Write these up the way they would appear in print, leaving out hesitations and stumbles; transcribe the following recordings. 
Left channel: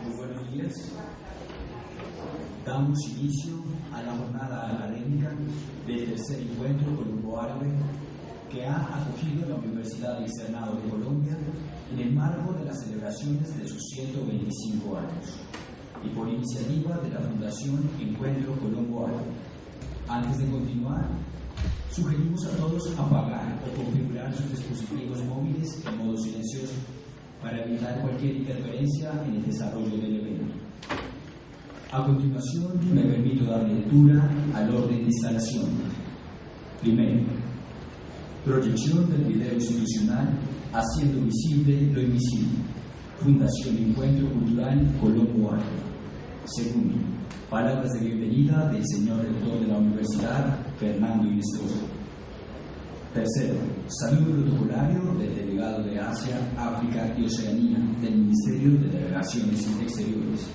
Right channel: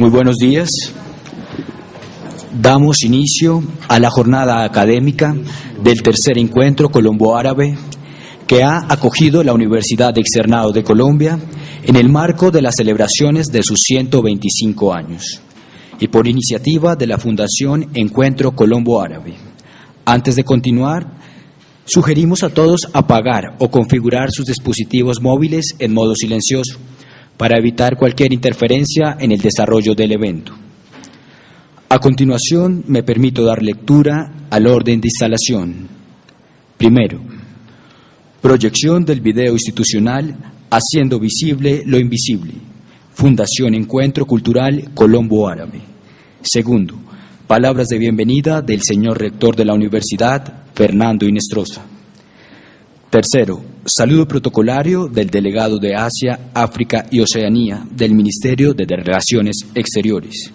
Muy buenos días. Damos inicio a la jornada académica del tercer encuentro colombo-árabe que ha acogido la Universidad Externado de Colombia en el marco de las celebraciones de sus 125 años y por iniciativa de la Fundación Encuentro Colombo-Árabe. Antes de continuar, sugerimos a todos apagar o configurar sus dispositivos móviles en modo silencioso para evitar cualquier interferencia en el desarrollo del evento. A continuación, me permito dar lectura al orden de instalación. Primero, proyección del video institucional Haciendo visible lo invisible, Fundación Encuentro Cultural Colombo-Árabe. Segundo, palabras de bienvenida del señor rector de la universidad, Fernando Inestrosa. Tercero, saludo protocolario del delegado de Asia, África y Oceanía del Ministerio de Relaciones Exteriores.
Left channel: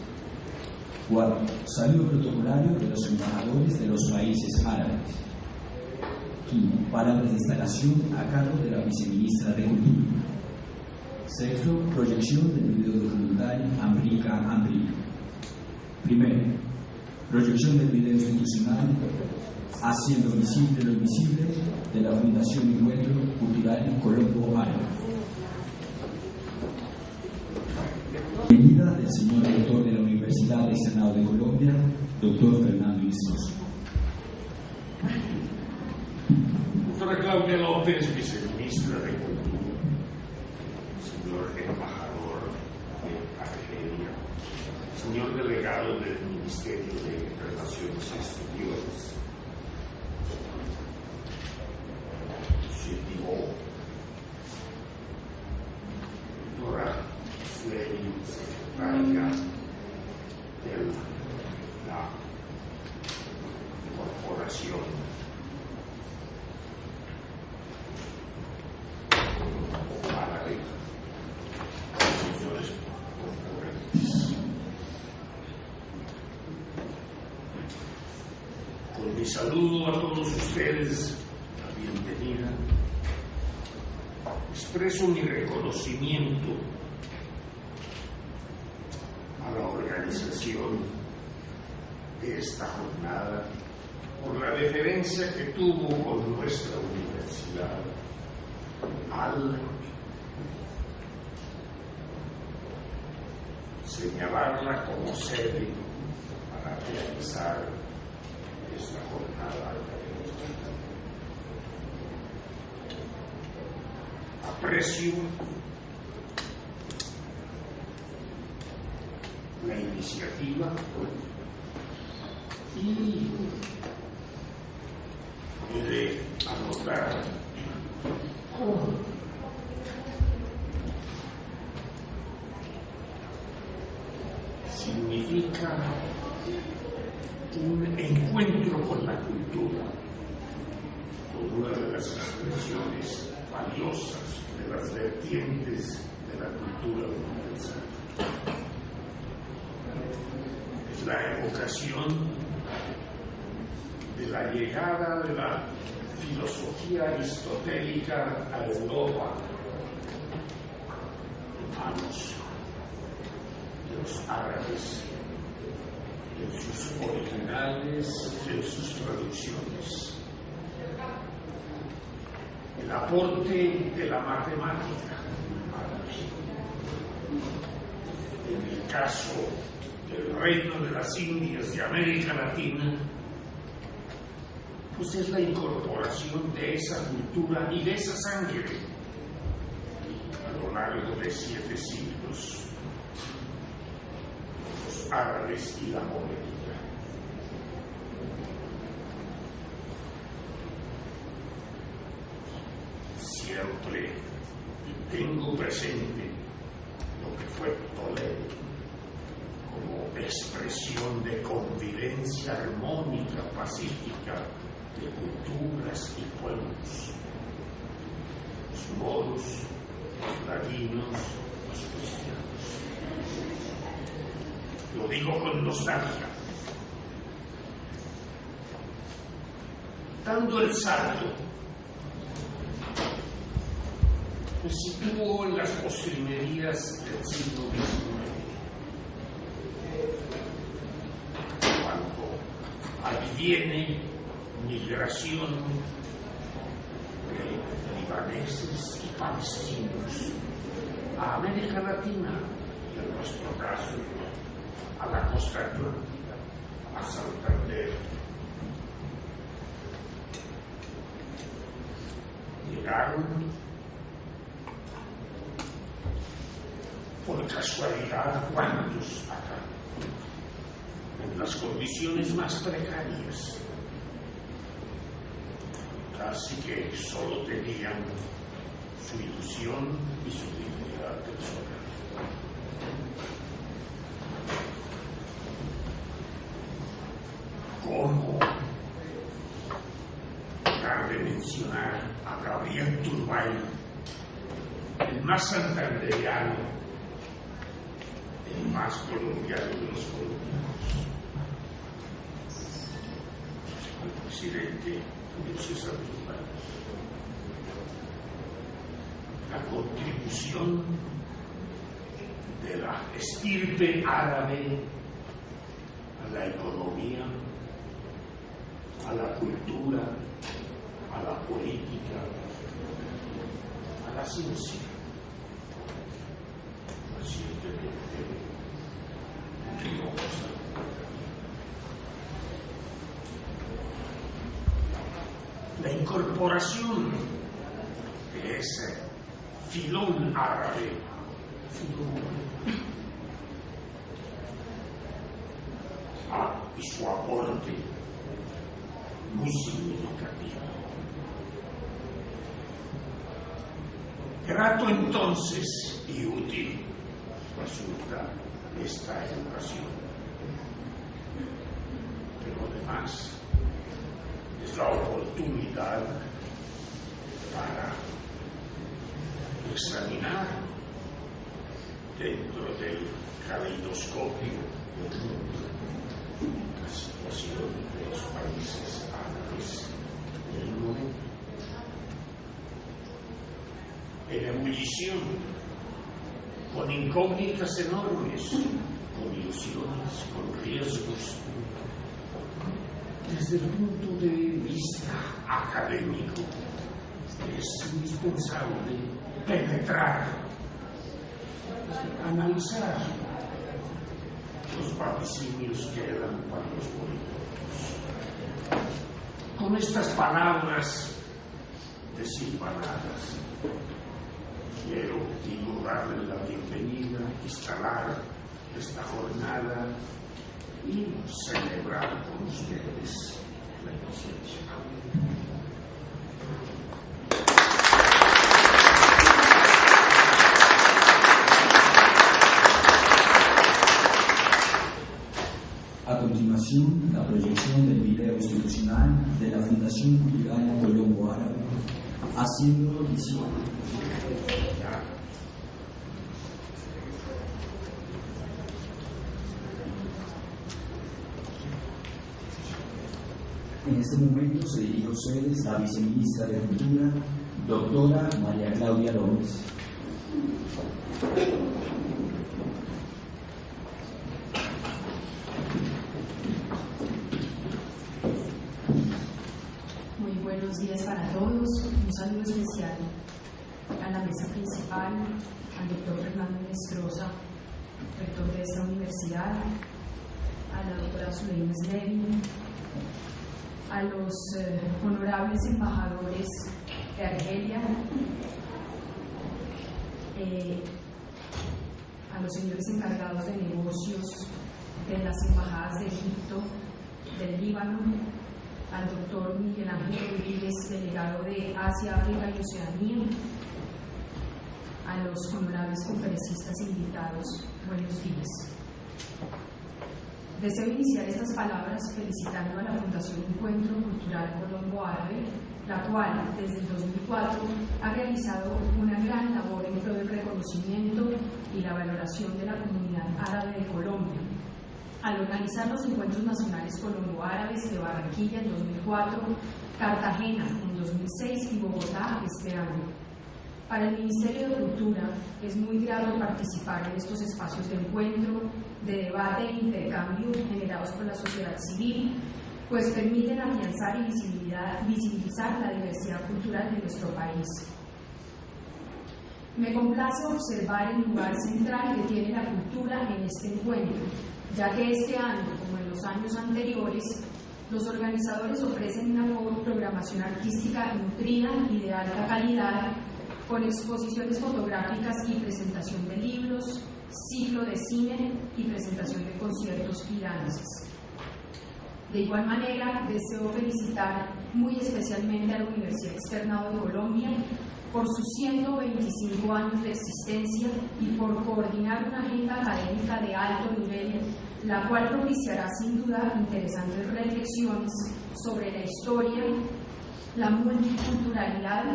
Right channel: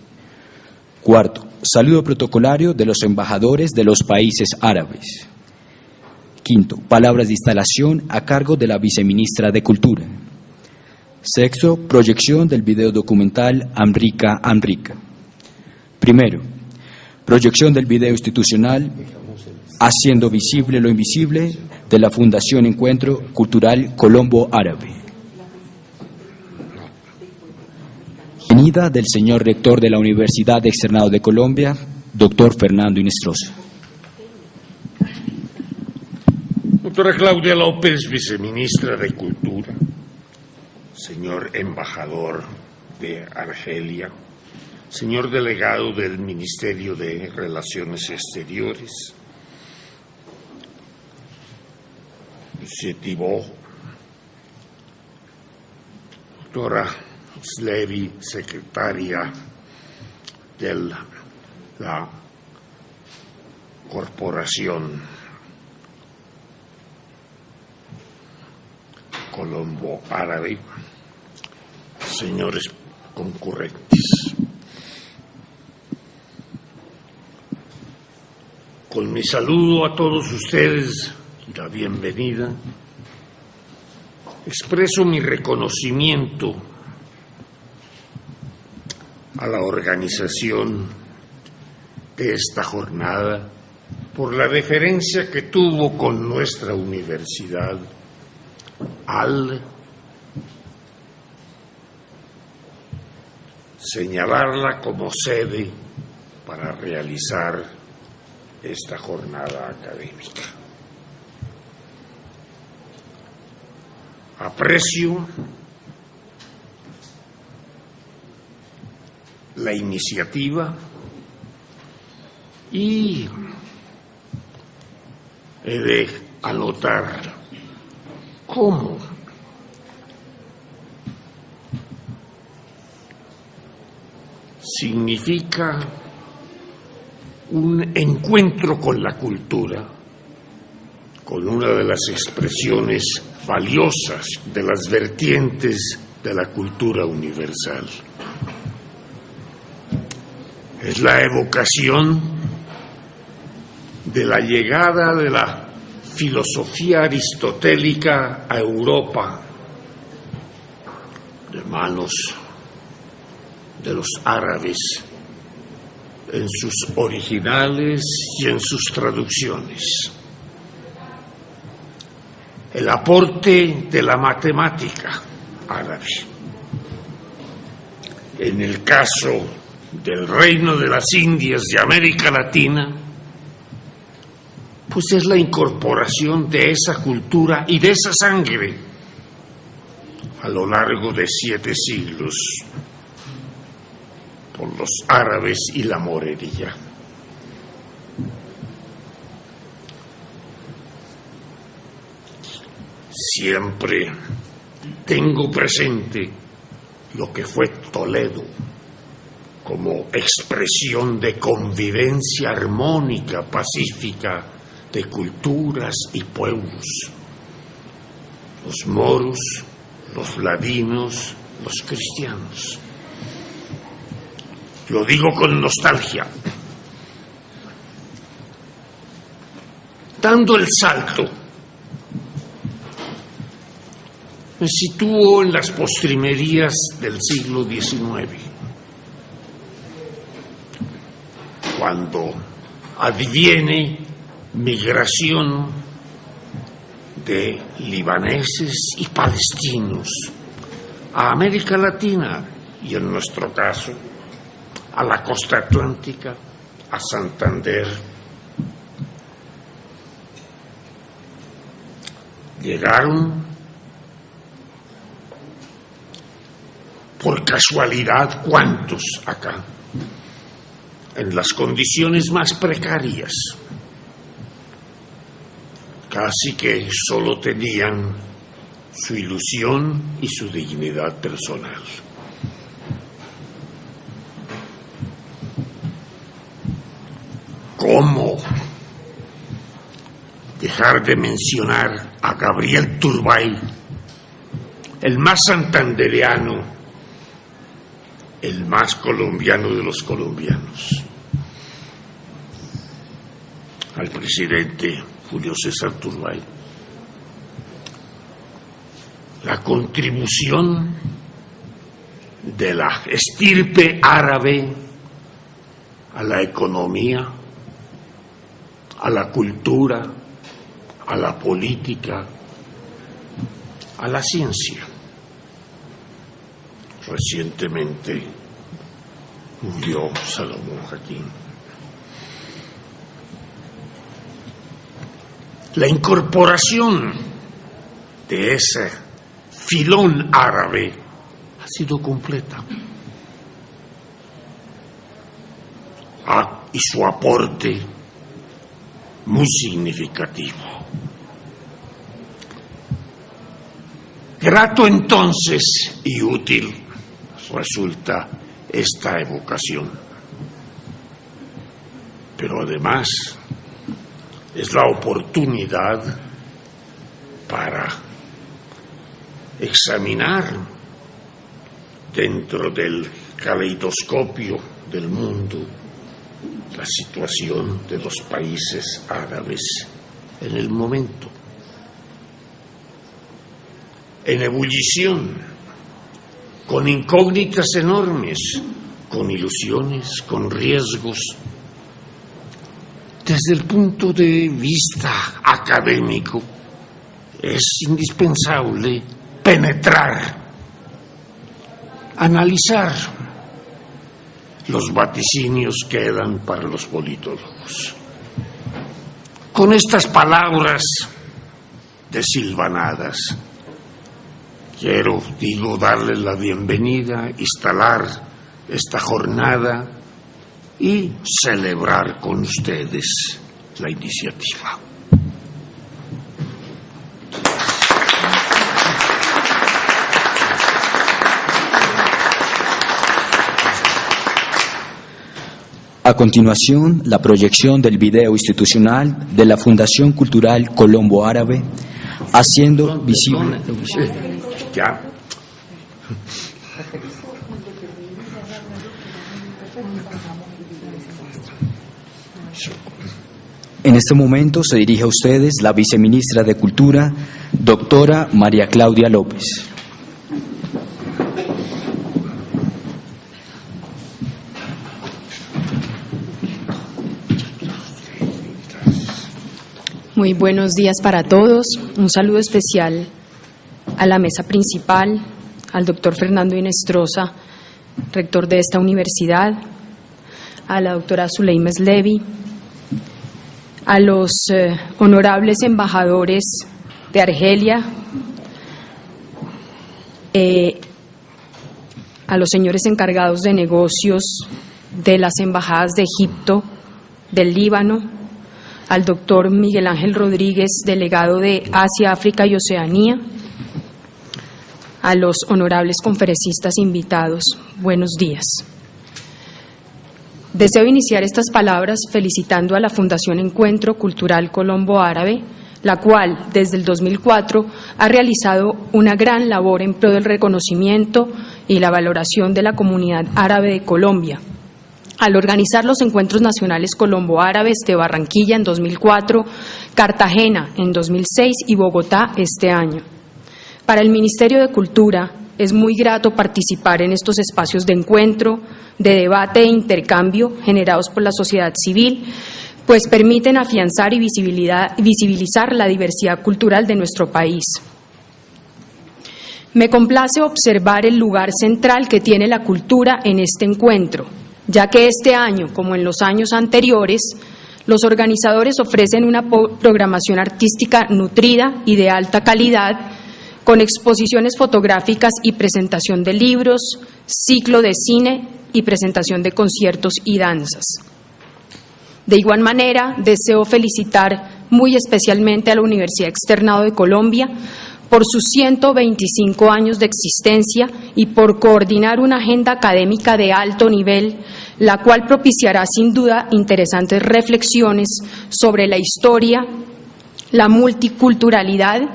Cuarto, saludo protocolario de los embajadores de los países árabes. Quinto, palabras de instalación a cargo de la viceministra de Cultura. Sexto, proyección del video documental Amrica Amrica. Primero, proyección del video institucional Haciendo visible lo invisible de la Fundación Encuentro Cultural Colombo-Árabe. Bienvenida del señor rector de la Universidad Externado de Colombia, doctor Fernando Inestrosa. Doctora Claudia López, viceministra de Cultura, señor embajador de Argelia, señor delegado del Ministerio de Relaciones Exteriores, Monsieur Thibault, doctora Slevi, secretaria de la Corporación Colombo-Árabe, señores concurrentes. Con mi saludo a todos ustedes y la bienvenida, expreso mi reconocimiento a la organización de esta jornada por la deferencia que tuvo con nuestra universidad al señalarla como sede para realizar esta jornada académica. Aprecio la iniciativa y he de anotar cómo significa un encuentro con la cultura, con una de las expresiones valiosas de las vertientes de la cultura universal. Es la evocación de la llegada de la filosofía aristotélica a Europa de manos de los árabes en sus originales y en sus traducciones. El aporte de la matemática árabe. En el caso del Reino de las Indias de América Latina, pues es la incorporación de esa cultura y de esa sangre a lo largo de 7 siglos por los árabes y la morería. Siempre tengo presente lo que fue Toledo como expresión de convivencia armónica, pacífica, de culturas y pueblos. Los moros, los ladinos, los cristianos. Lo digo con nostalgia. Dando el salto, me sitúo en las postrimerías del siglo XIX, cuando adviene migración de libaneses y palestinos a América Latina y, en nuestro caso, a la costa atlántica, a Santander. Llegaron por casualidad, ¿cuántos acá? En las condiciones más precarias. Casi que solo tenían su ilusión y su dignidad personal. ¿Cómo dejar de mencionar a Gabriel Turbay, el más santandereano, el más colombiano de los colombianos, al presidente Julio César Turbay? La contribución de la estirpe árabe a la economía, a la cultura, a la política, a la ciencia. Recientemente murió Salomón Joaquín. La incorporación de ese filón árabe ha sido completa. Y su aporte muy significativo. Grato entonces y útil resulta esta evocación, pero además es la oportunidad para examinar dentro del caleidoscopio del mundo la situación de los países árabes en el momento, en ebullición, con incógnitas enormes, con ilusiones, con riesgos. Desde el punto de vista académico, es indispensable penetrar, analizar. Los vaticinios quedan para los politólogos. Con estas palabras desilvanadas, quiero, darles la bienvenida, instalar esta jornada y celebrar con ustedes la iniciativa. A continuación, la proyección del video institucional de la Fundación Cultural Colombo Árabe, haciendo visible. Ya. En este momento se dirige a ustedes la viceministra de Cultura, doctora María Claudia López. Muy buenos días para todos. Un saludo especial a la mesa principal, al doctor Fernando Inestrosa, rector de esta universidad, a la doctora Zuleima Slevi, a los honorables embajadores de Argelia, a los señores encargados de negocios de las embajadas de Egipto, del Líbano, al doctor Miguel Ángel Rodríguez, delegado de Asia, África y Oceanía, a los honorables conferencistas invitados. Buenos días. Deseo iniciar estas palabras felicitando a la Fundación Encuentro Cultural Colombo Árabe, la cual, desde el 2004, ha realizado una gran labor en pro del reconocimiento y la valoración de la comunidad árabe de Colombia, al organizar los Encuentros Nacionales Colombo-Árabes de Barranquilla en 2004, Cartagena en 2006 y Bogotá este año. Para el Ministerio de Cultura es muy grato participar en estos espacios de encuentro, de debate e intercambio generados por la sociedad civil, pues permiten afianzar y visibilizar la diversidad cultural de nuestro país. Me complace observar el lugar central que tiene la cultura en este encuentro, ya que este año, como en los años anteriores, los organizadores ofrecen una programación artística nutrida y de alta calidad, con exposiciones fotográficas y presentación de libros, ciclo de cine y presentación de conciertos y danzas. De igual manera, deseo felicitar muy especialmente a la Universidad Externado de Colombia por sus 125 años de existencia y por coordinar una agenda académica de alto nivel, la cual propiciará sin duda interesantes reflexiones sobre la historia, la multiculturalidad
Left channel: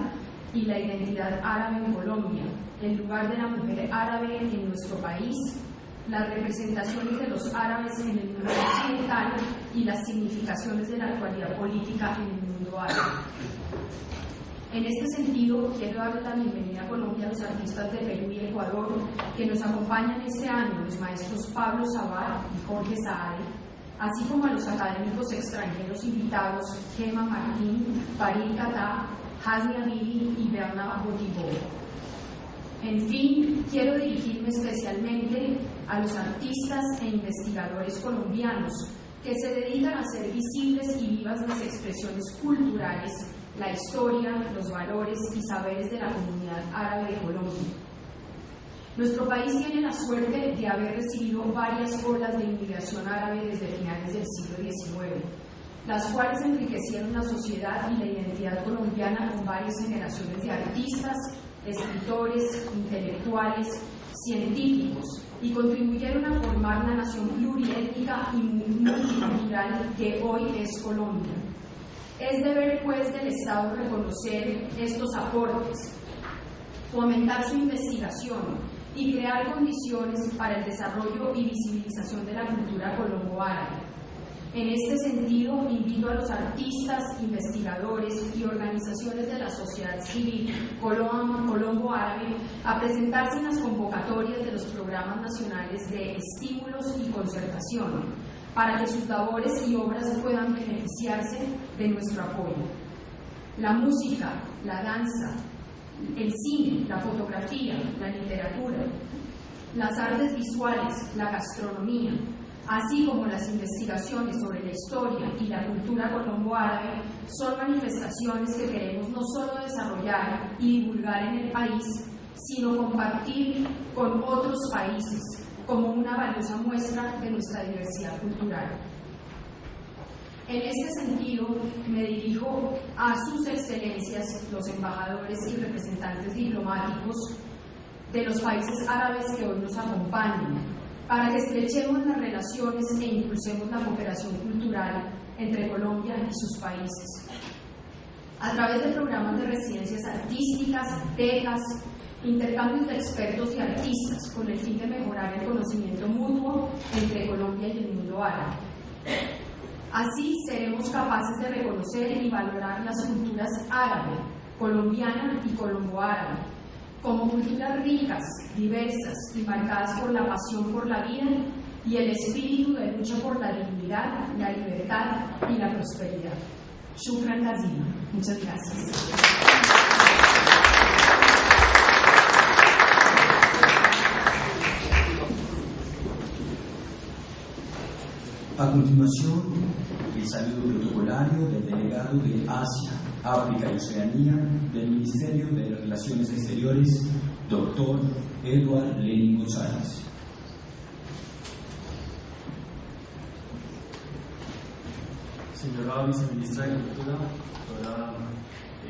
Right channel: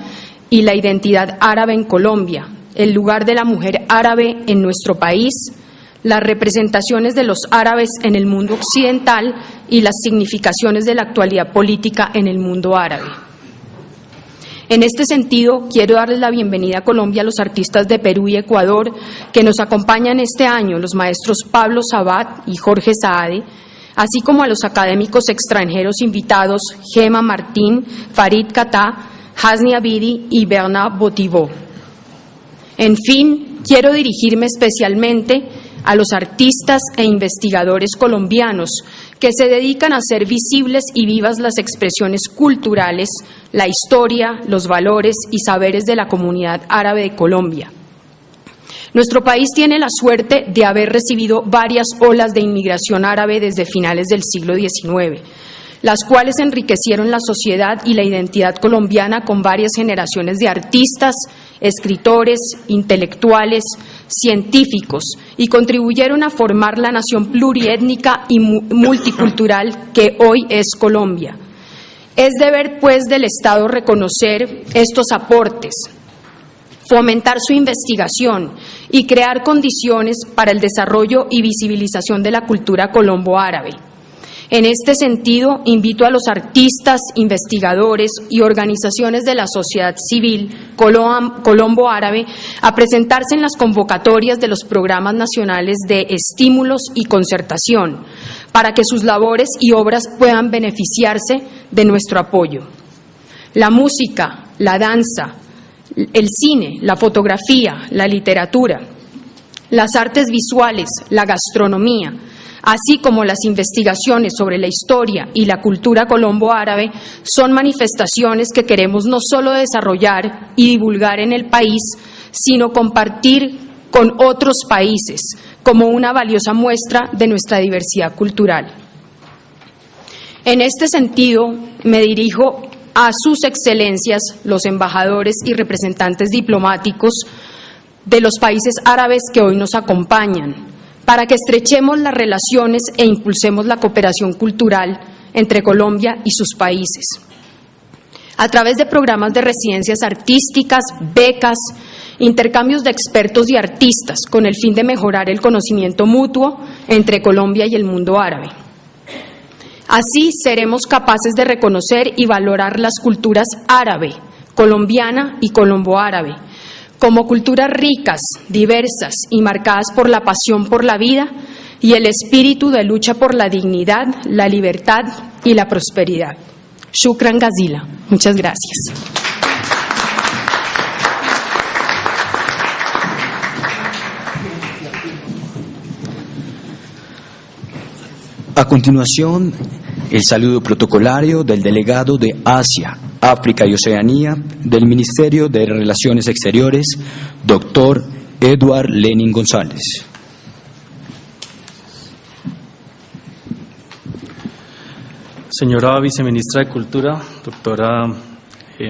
y la identidad árabe en Colombia, el lugar de la mujer árabe en nuestro país, las representaciones de los árabes en el mundo occidental y las significaciones de la actualidad política en el mundo árabe. En este sentido, quiero darles la bienvenida a Colombia a los artistas de Perú y Ecuador que nos acompañan este año, los maestros Pablo Sabat y Jorge Saade, así como a los académicos extranjeros invitados Gema Martín, Farid Katá, Hasni Abidi y Bernard Botivot. En fin, quiero dirigirme especialmente a los artistas e investigadores colombianos que se dedican a hacer visibles y vivas las expresiones culturales, la historia, los valores y saberes de la comunidad árabe de Colombia. Nuestro país tiene la suerte de haber recibido varias olas de inmigración árabe desde finales del siglo XIX, las cuales enriquecieron la sociedad y la identidad colombiana con varias generaciones de artistas, escritores, intelectuales, científicos y contribuyeron a formar la nación pluriétnica y multicultural que hoy es Colombia. Es deber, pues, del Estado reconocer estos aportes, fomentar su investigación y crear condiciones para el desarrollo y visibilización de la cultura colombo-árabe. En este sentido, invito a los artistas, investigadores y organizaciones de la sociedad civil colombo-árabe a presentarse en las convocatorias de los programas nacionales de estímulos y concertación, para que sus labores y obras puedan beneficiarse de nuestro apoyo. La música, la danza, el cine, la fotografía, la literatura, las artes visuales, la gastronomía, así como las investigaciones sobre la historia y la cultura colombo-árabe, son manifestaciones que queremos no solo desarrollar y divulgar en el país, sino compartir con otros países como una valiosa muestra de nuestra diversidad cultural. En este sentido, me dirijo a sus excelencias, los embajadores y representantes diplomáticos de los países árabes que hoy nos acompañan, para que estrechemos las relaciones e impulsemos la cooperación cultural entre Colombia y sus países. A través de programas de residencias artísticas, becas, intercambios de expertos y artistas, con el fin de mejorar el conocimiento mutuo entre Colombia y el mundo árabe. Así seremos capaces de reconocer y valorar las culturas árabe, colombiana y colombo-árabe, como culturas ricas, diversas y marcadas por la pasión por la vida y el espíritu de lucha por la dignidad, la libertad y la prosperidad. Shukran Gazila. Muchas gracias. A continuación, el saludo protocolario del delegado de Asia, África y Oceanía del Ministerio de Relaciones Exteriores, doctor Edward Lenin González. Señora Viceministra de Cultura, doctora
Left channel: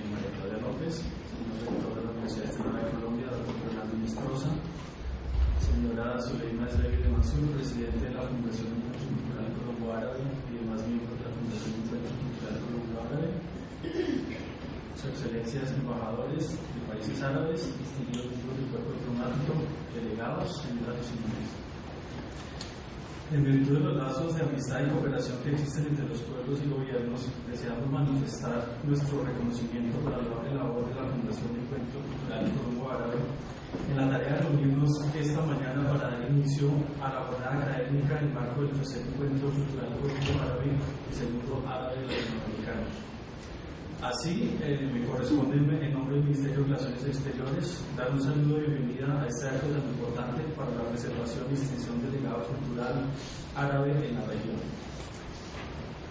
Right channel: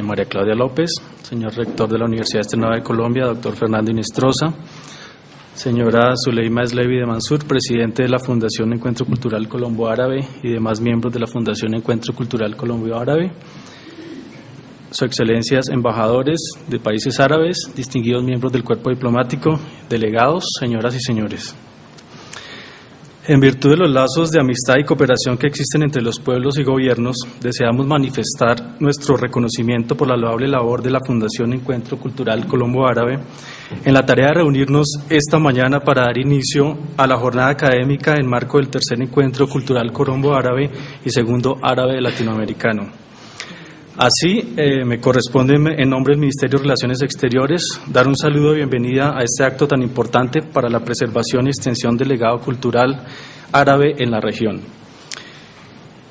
María Claudia López, señor Rector de la Universidad Externado de Colombia, doctor Fernando Inestrosa, señora Zuleima Eslevi de Mansur, presidente de la Fundación Encuentro Cultural Colombo-Árabe y demás miembros de la Fundación Encuentro Cultural Colombo-Árabe, Su Excelencias embajadores de países árabes, distinguidos miembros del cuerpo diplomático, delegados, señoras y señores. En virtud de los lazos de amistad y cooperación que existen entre los pueblos y gobiernos, deseamos manifestar nuestro reconocimiento por la loable labor de la Fundación Encuentro Cultural Colombo Árabe en la tarea de reunirnos esta mañana para dar inicio a la jornada académica en marco del tercer Encuentro Cultural Colombo Árabe y segundo Árabe Latinoamericano. Así, me corresponde en nombre del Ministerio de Relaciones Exteriores dar un saludo de bienvenida a este acto tan importante para la preservación y extensión del legado cultural árabe en la región.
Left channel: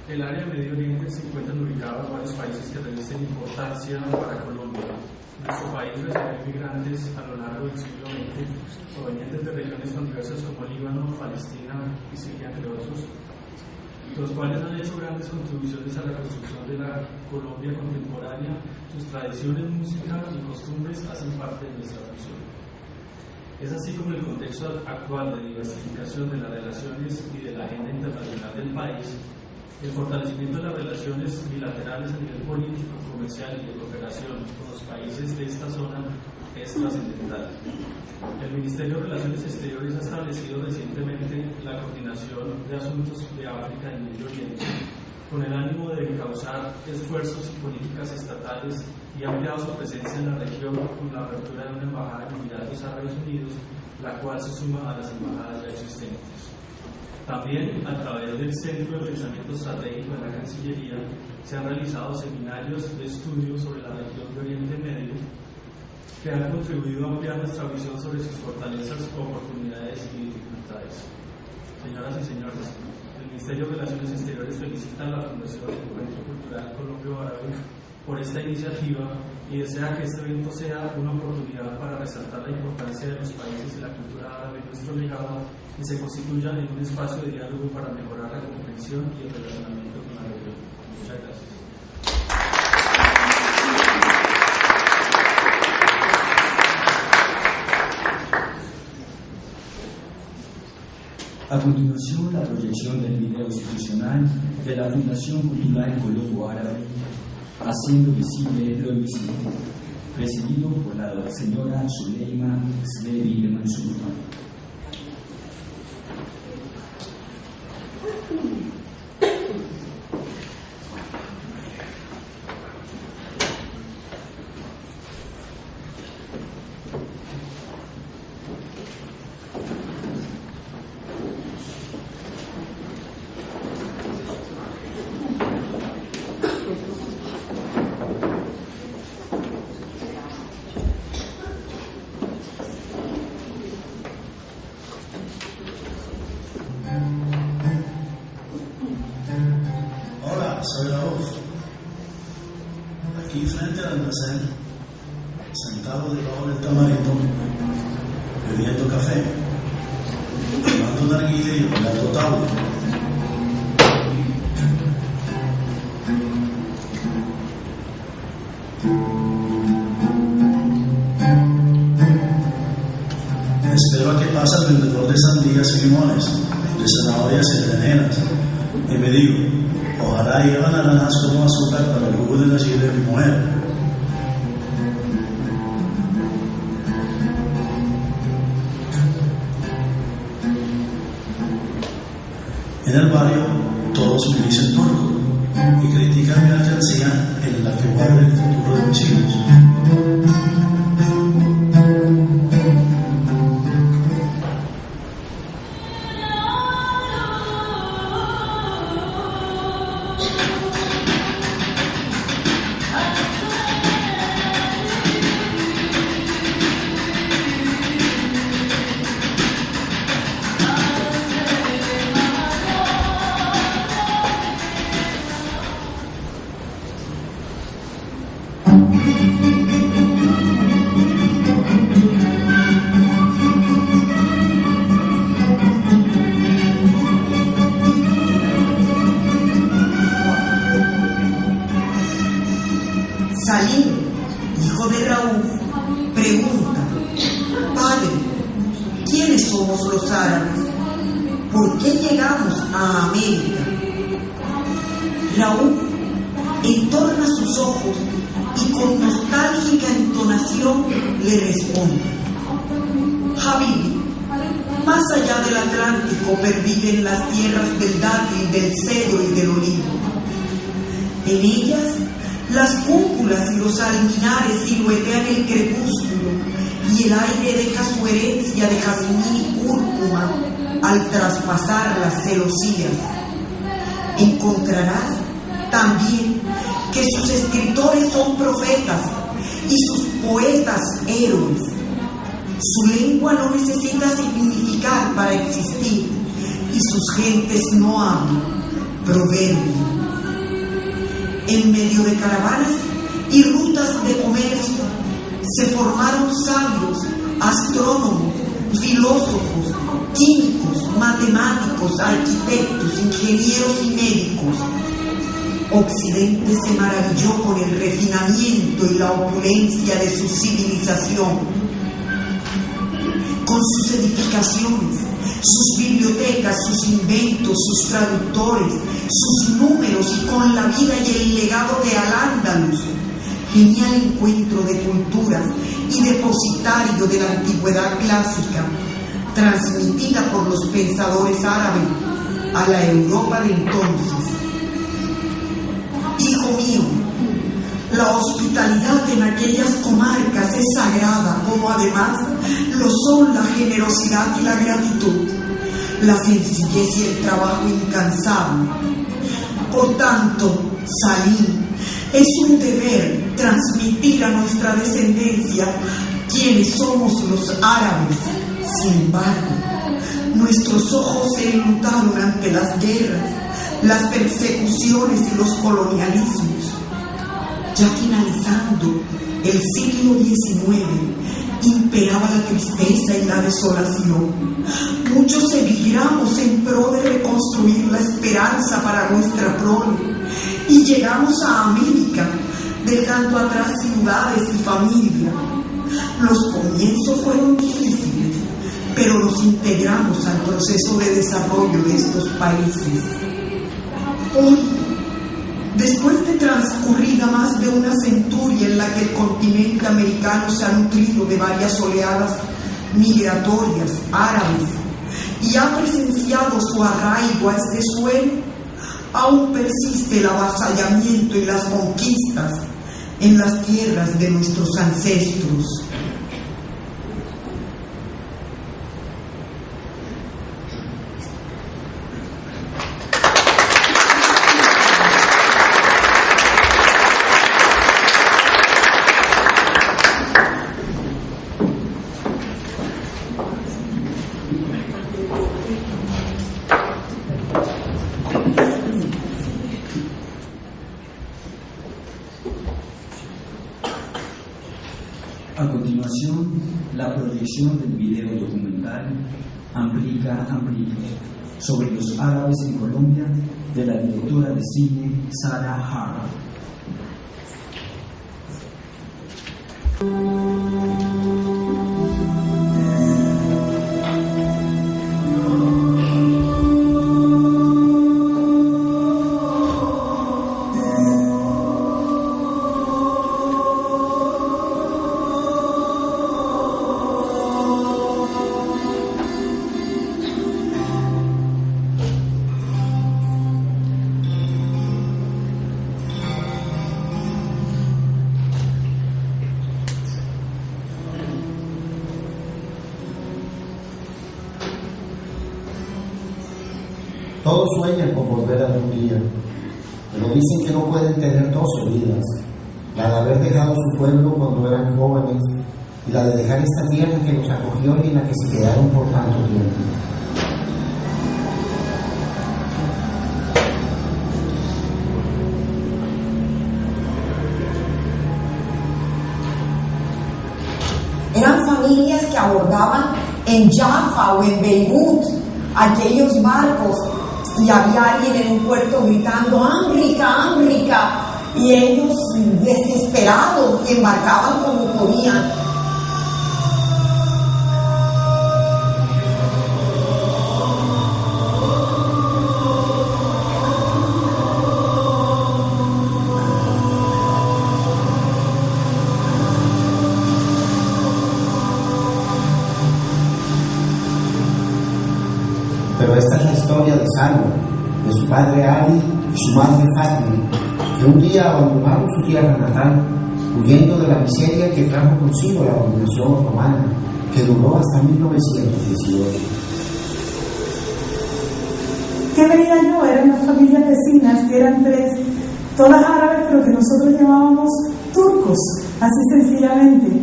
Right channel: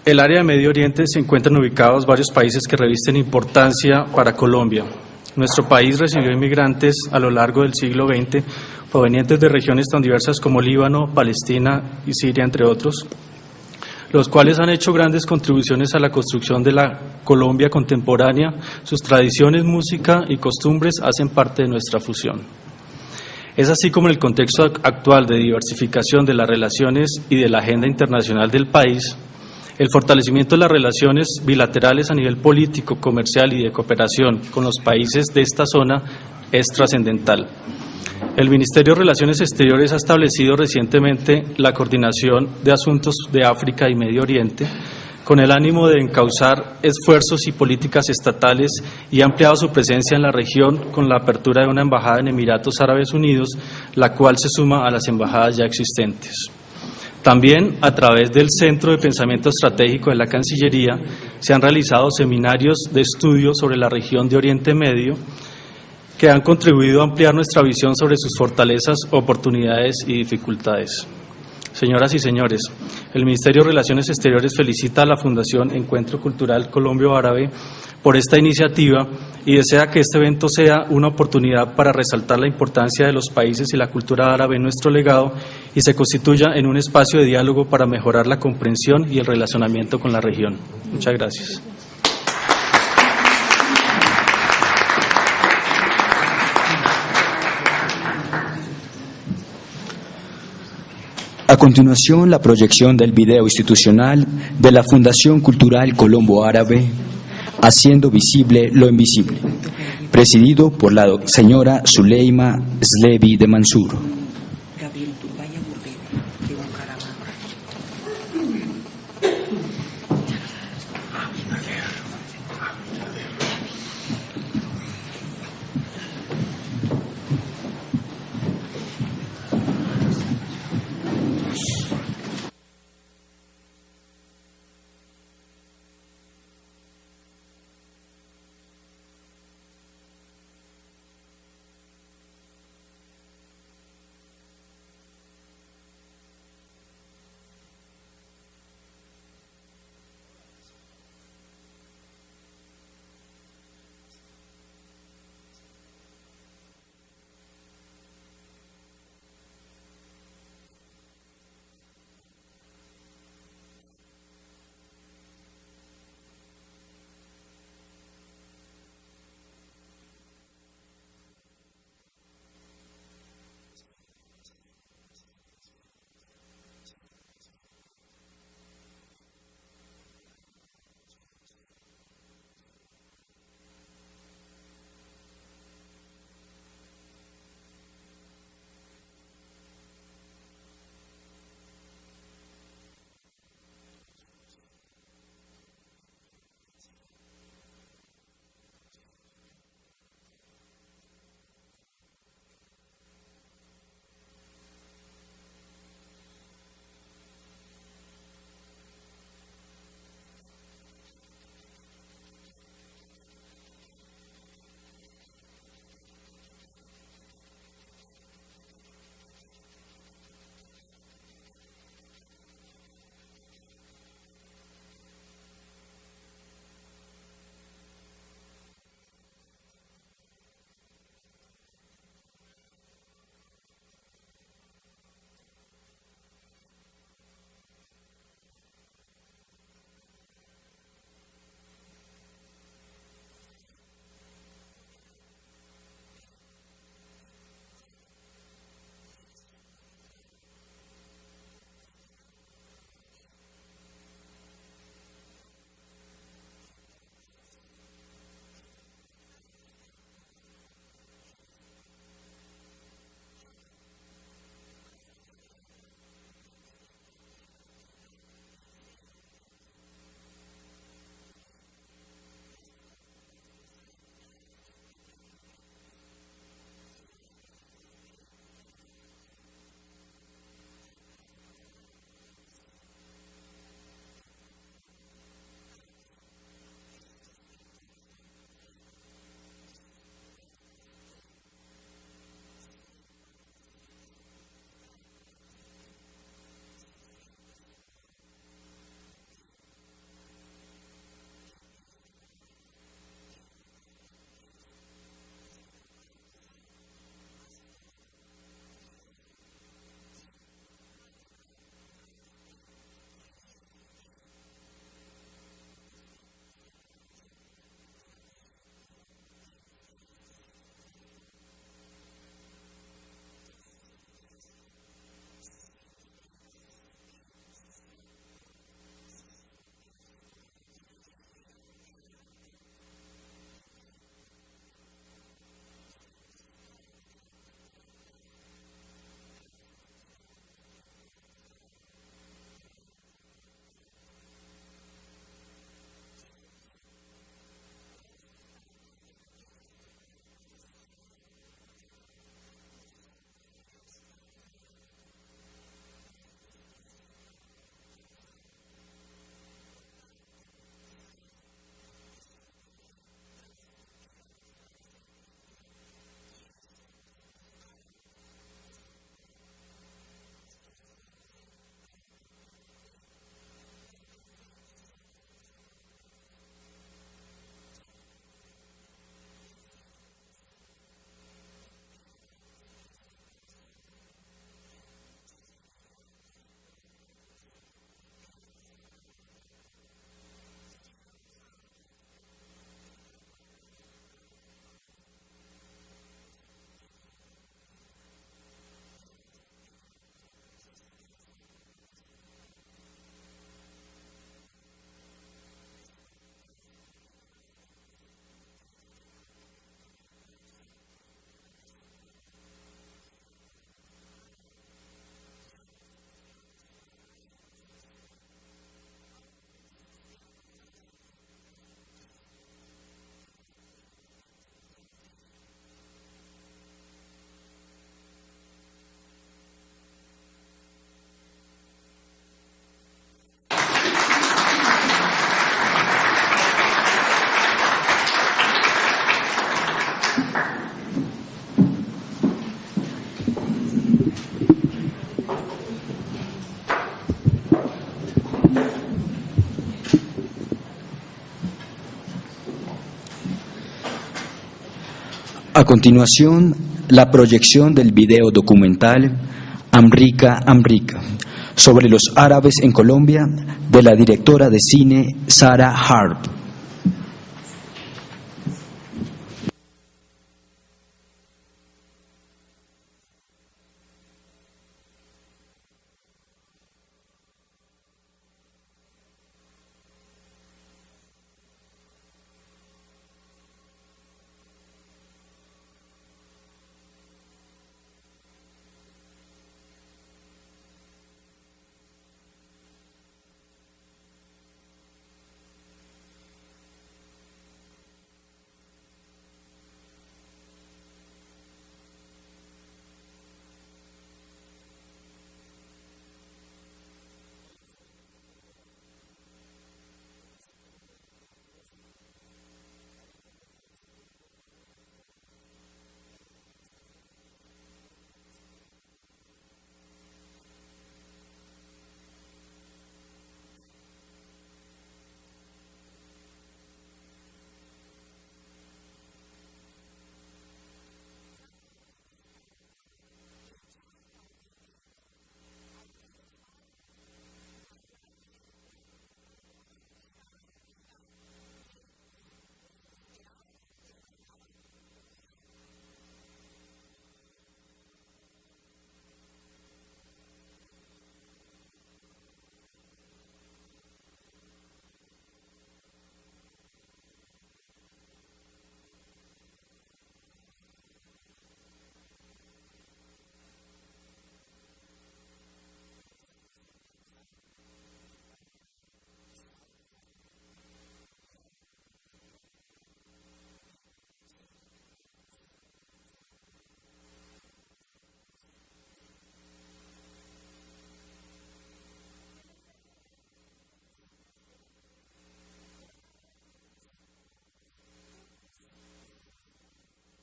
El área de Medio Oriente se encuentran ubicados varios países que revisten importancia para Colombia. Nuestro país recibió inmigrantes a lo largo del siglo XX provenientes de regiones tan diversas como Líbano, Palestina y Siria, entre otros, los cuales han hecho grandes contribuciones a la construcción de la Colombia contemporánea. Sus tradiciones, música y costumbres hacen parte de nuestra fusión. Es así como en el contexto actual de diversificación de las relaciones y de la agenda internacional del país, el fortalecimiento de las relaciones bilaterales a nivel político, comercial y de cooperación con los países de esta zona es trascendental. El Ministerio de Relaciones Exteriores ha establecido recientemente la coordinación de asuntos de África y Medio Oriente con el ánimo de encauzar esfuerzos y políticas estatales y ha ampliado su presencia en la región con la apertura de una embajada en Emiratos Árabes Unidos, la cual se suma a las embajadas ya existentes. También, a través del Centro de Pensamiento Estratégico de la Cancillería, se han realizado seminarios de estudio sobre la región de Oriente Medio, que han contribuido a ampliar nuestra visión sobre sus fortalezas, oportunidades y dificultades. Señoras y señores, el Ministerio de Relaciones Exteriores felicita a la Fundación Encuentro Cultural Colombo Árabe por esta iniciativa y desea que este evento sea una oportunidad para resaltar la importancia de los países y la cultura árabe en nuestro legado y se constituya en un espacio de diálogo para mejorar la comprensión y el relacionamiento con la región. Muchas gracias. A continuación, la proyección del video institucional de la Fundación Cultural Colombo Árabe, Haciendo Visible lo Invisible, presidido por la señora Zuleima Slevi de Mansur. Soy Raúl, aquí frente al almacén, sentado debajo del tamarindo, bebiendo café, fumando narguilé y bailando tabla. Espero a que pase el vendedor de sandías y limones, de zanahorias y berenjenas, y me digo, ojalá llevan naranjas como azúcar para el jugo de la chile de mi mujer. En el barrio todos me dicen turco y critican mi alcancía en la que guarda el futuro de mis hijos. Salim, hijo de Raúl, pregunta: Padre, ¿quiénes somos los árabes? ¿Por qué llegamos a América? Raúl entorna sus ojos y con nostálgica entonación le responde: Habibi, más allá del Atlántico perviven las tierras del dátil, del cedro y del olivo. En ellas, las cúpulas y los alminares siluetean el crepúsculo y el aire deja su herencia de jazmín y cúrcuma al traspasar las celosías. Encontrarás también que sus escritores son profetas y sus poetas héroes. Su lengua no necesita significar para existir y sus gentes no hablan proverbio. En medio de caravanas y rutas de comercio se formaron sabios, astrónomos, filósofos, químicos, matemáticos, arquitectos, ingenieros y médicos. Occidente se maravilló con el refinamiento y la opulencia de su civilización, con sus edificaciones, sus bibliotecas, sus inventos, sus traductores, sus números y con la vida y el legado de Al-Ándalus, genial encuentro de culturas y depositario de la antigüedad clásica, transmitida por los pensadores árabes a la Europa de entonces. Hijo mío, la hospitalidad en aquellas comarcas es sagrada, como además lo son la generosidad y la gratitud, la sencillez y el trabajo incansable. Por tanto, Salim, es un deber transmitir a nuestra descendencia quiénes somos los árabes. Sin embargo, nuestros ojos se enlutaron ante las guerras, las persecuciones y los colonialismos. Ya finalizando el siglo XIX, imperaba la tristeza y la desolación. Muchos emigramos en pro de reconstruir la esperanza para nuestra prole y llegamos a América, dejando atrás ciudades y familia. Los comienzos fueron difíciles, pero nos integramos al proceso de desarrollo de estos países. Hoy, después de transcurrida más de una centuria en la que el continente americano se ha nutrido de varias oleadas migratorias árabes y ha presenciado su arraigo a este suelo, aún persiste el avasallamiento y las conquistas en las tierras de nuestros ancestros. A continuación, la proyección del video documental Amrika Amrika sobre los árabes en Colombia de la directora de cine Sarah Harp. Todos sueñan con volver algún día, pero dicen que no pueden tener dos vidas, la de haber dejado su pueblo cuando eran jóvenes y la de dejar esta tierra que los acogió y en la que se quedaron por tanto tiempo. Eran familias que abordaban en Jaffa o en Beirut aquellos barcos y había alguien en un puerto gritando ¡Amrika, Amrika! Y ellos desesperados embarcaban como podían. Pero esta es la historia de Salwa, de su padre Ali y su madre Fatmi, que un día abandonaron su tierra natal, huyendo de la miseria que trajo consigo la dominación romana, que duró hasta 1918. ¿Qué veía yo? Eran las familias vecinas, que eran 3, todas árabes, pero que nosotros llamábamos turcos, así sencillamente.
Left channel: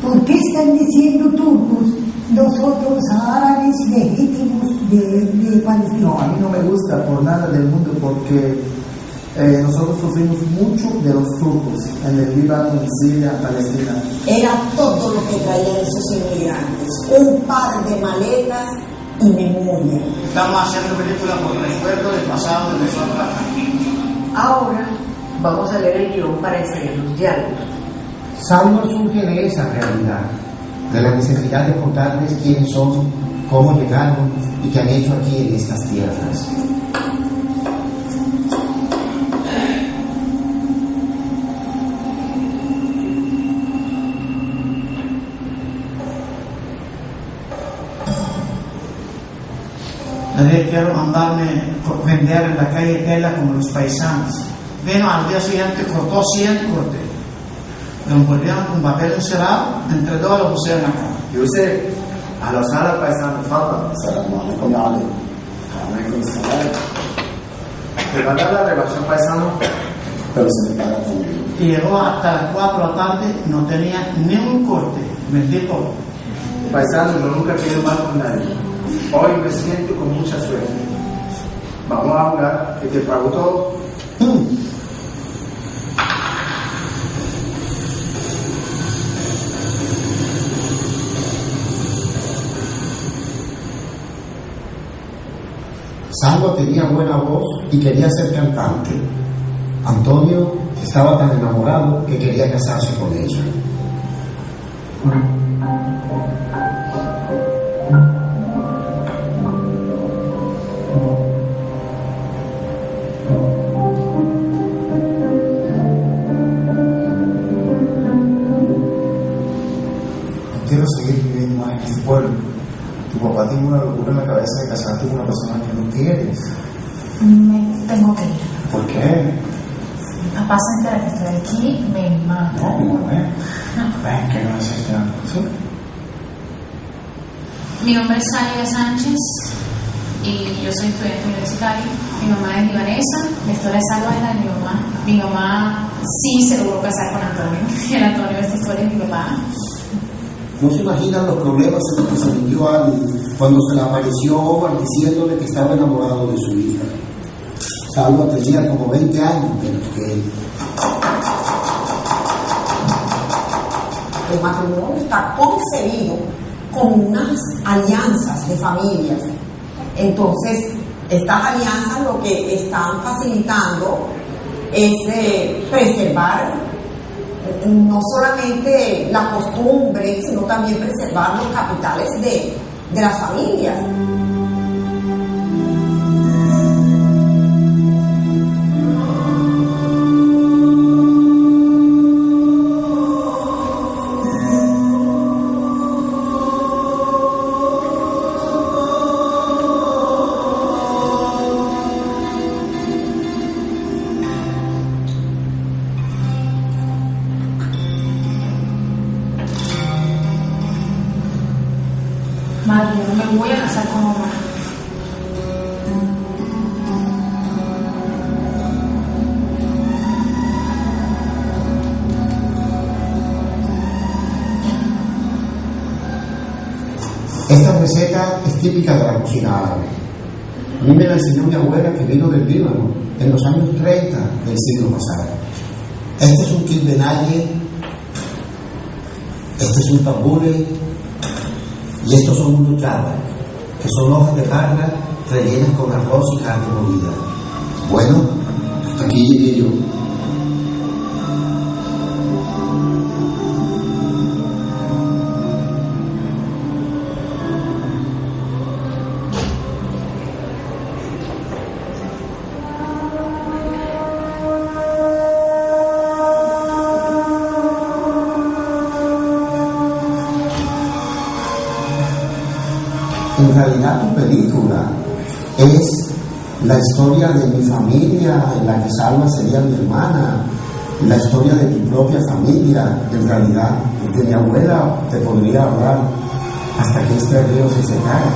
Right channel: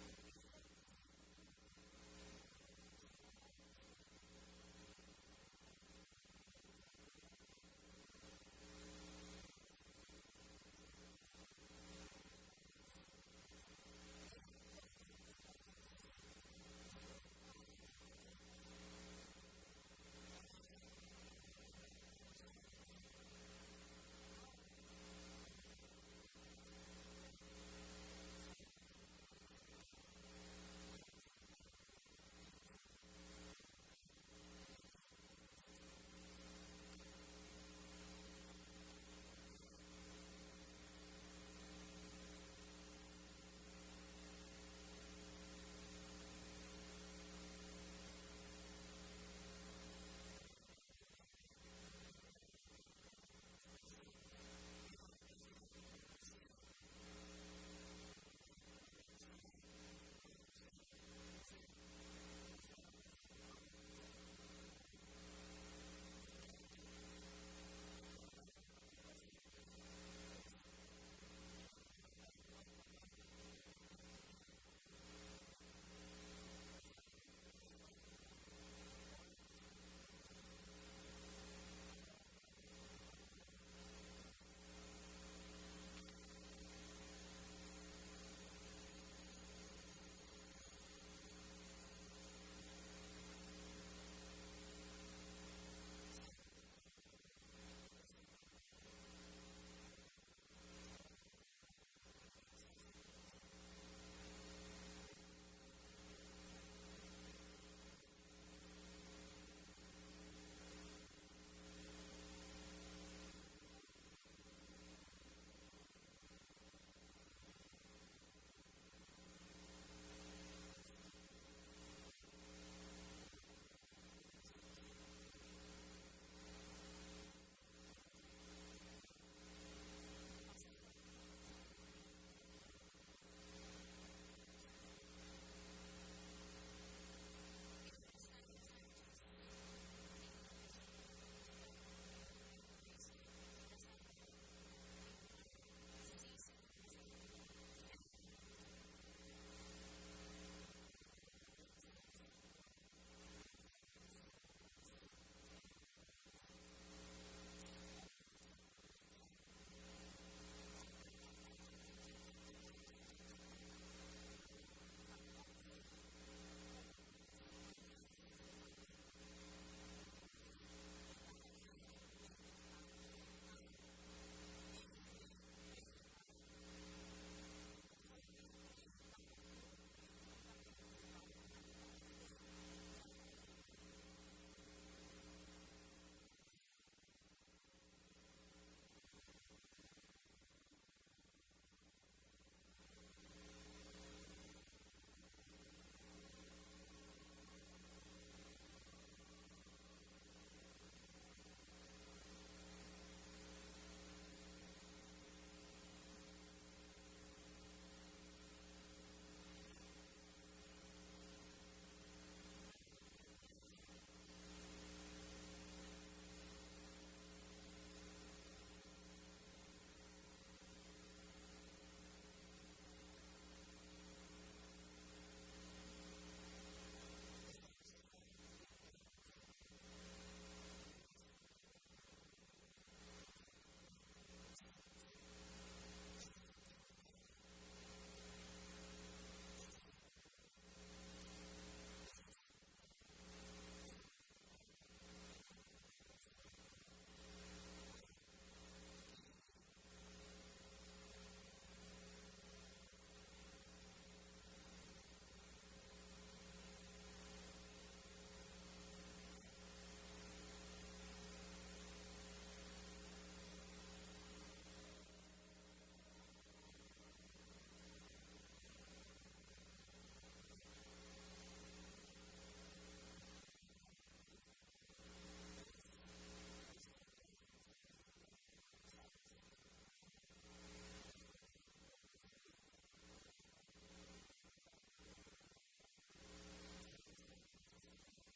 ¿Por qué están diciendo turcos nosotros árabes legítimos de Palestina? No, a mí no me gusta por nada del mundo porque nosotros sufrimos mucho de los turcos en el Líbano, en Siria, en Palestina. Era todo lo que traían esos inmigrantes, un par de maletas y memoria. Estamos haciendo películas por recuerdo del pasado de nosotros. Ahora vamos a leer el guión para enseñar los diálogos. Salwa surge de esa realidad, de la necesidad de contarles quiénes son, cómo llegaron y qué han hecho aquí en estas tierras. Nadie quiero mandarme vender en la calle tela como los paisanos. Vino al día siguiente, cortó 100 cortes. Lo envolvían con papel encerado, entre todos lo pusieron acá. Yusef, أهلا وسهلا paisano, تفضل. السلام عليكم يا علي. وعليكم السلام. ¿Te va a dar la relación paisano? Pero se me paga también. Y llegó hasta las 4 de la tarde, no tenía ni un corte. Vendí todo. Paisano, yo nunca he quedado mal con nadie. Hoy me siento con mucha suerte. Vamos a jugar, que te pago todo. Salwa tenía buena voz y quería ser cantante. Antonio estaba tan enamorado que quería casarse con ella. Quiero seguir viviendo más en este pueblo. Tu papá tiene una locura en la cabeza de casarte con una persona que no quieres. Me tengo que ir. ¿Por qué? Mi papá se entera que estoy aquí, me mata. No, ven, que no es este. ¿Sí? Mi nombre es Sálida Sánchez y yo soy estudiante universitario. Mi mamá es libanesa, la historia de Salwa es la de mi mamá. Mi mamá sí se logró casar con Antonio. El Antonio de esta historia es mi papá. No se imaginan los problemas en los que se metió Ali cuando se le apareció Omar diciéndole que estaba enamorado de su hija. Salwa tenía como 20 años menos que él. El matrimonio está concebido como unas alianzas de familias. Entonces, estas alianzas lo que están facilitando es preservar no solamente la costumbre, sino también preservar los capitales de las familias. Madre, yo no me voy a casar con Omar. Esta receta es típica de la cocina árabe. A mí me la enseñó mi abuela que vino del Líbano en los años 30 del siglo pasado. Este es un kilbenaye, este es un tabule y estos son unos yardas, que son hojas de parra rellenas con arroz y carne molida. Bueno, hasta aquí llegué yo. En realidad tu película es la historia de mi familia, en la que Salma sería mi hermana, la historia de tu propia familia. En realidad, de mi abuela te podría hablar hasta que este río se secara.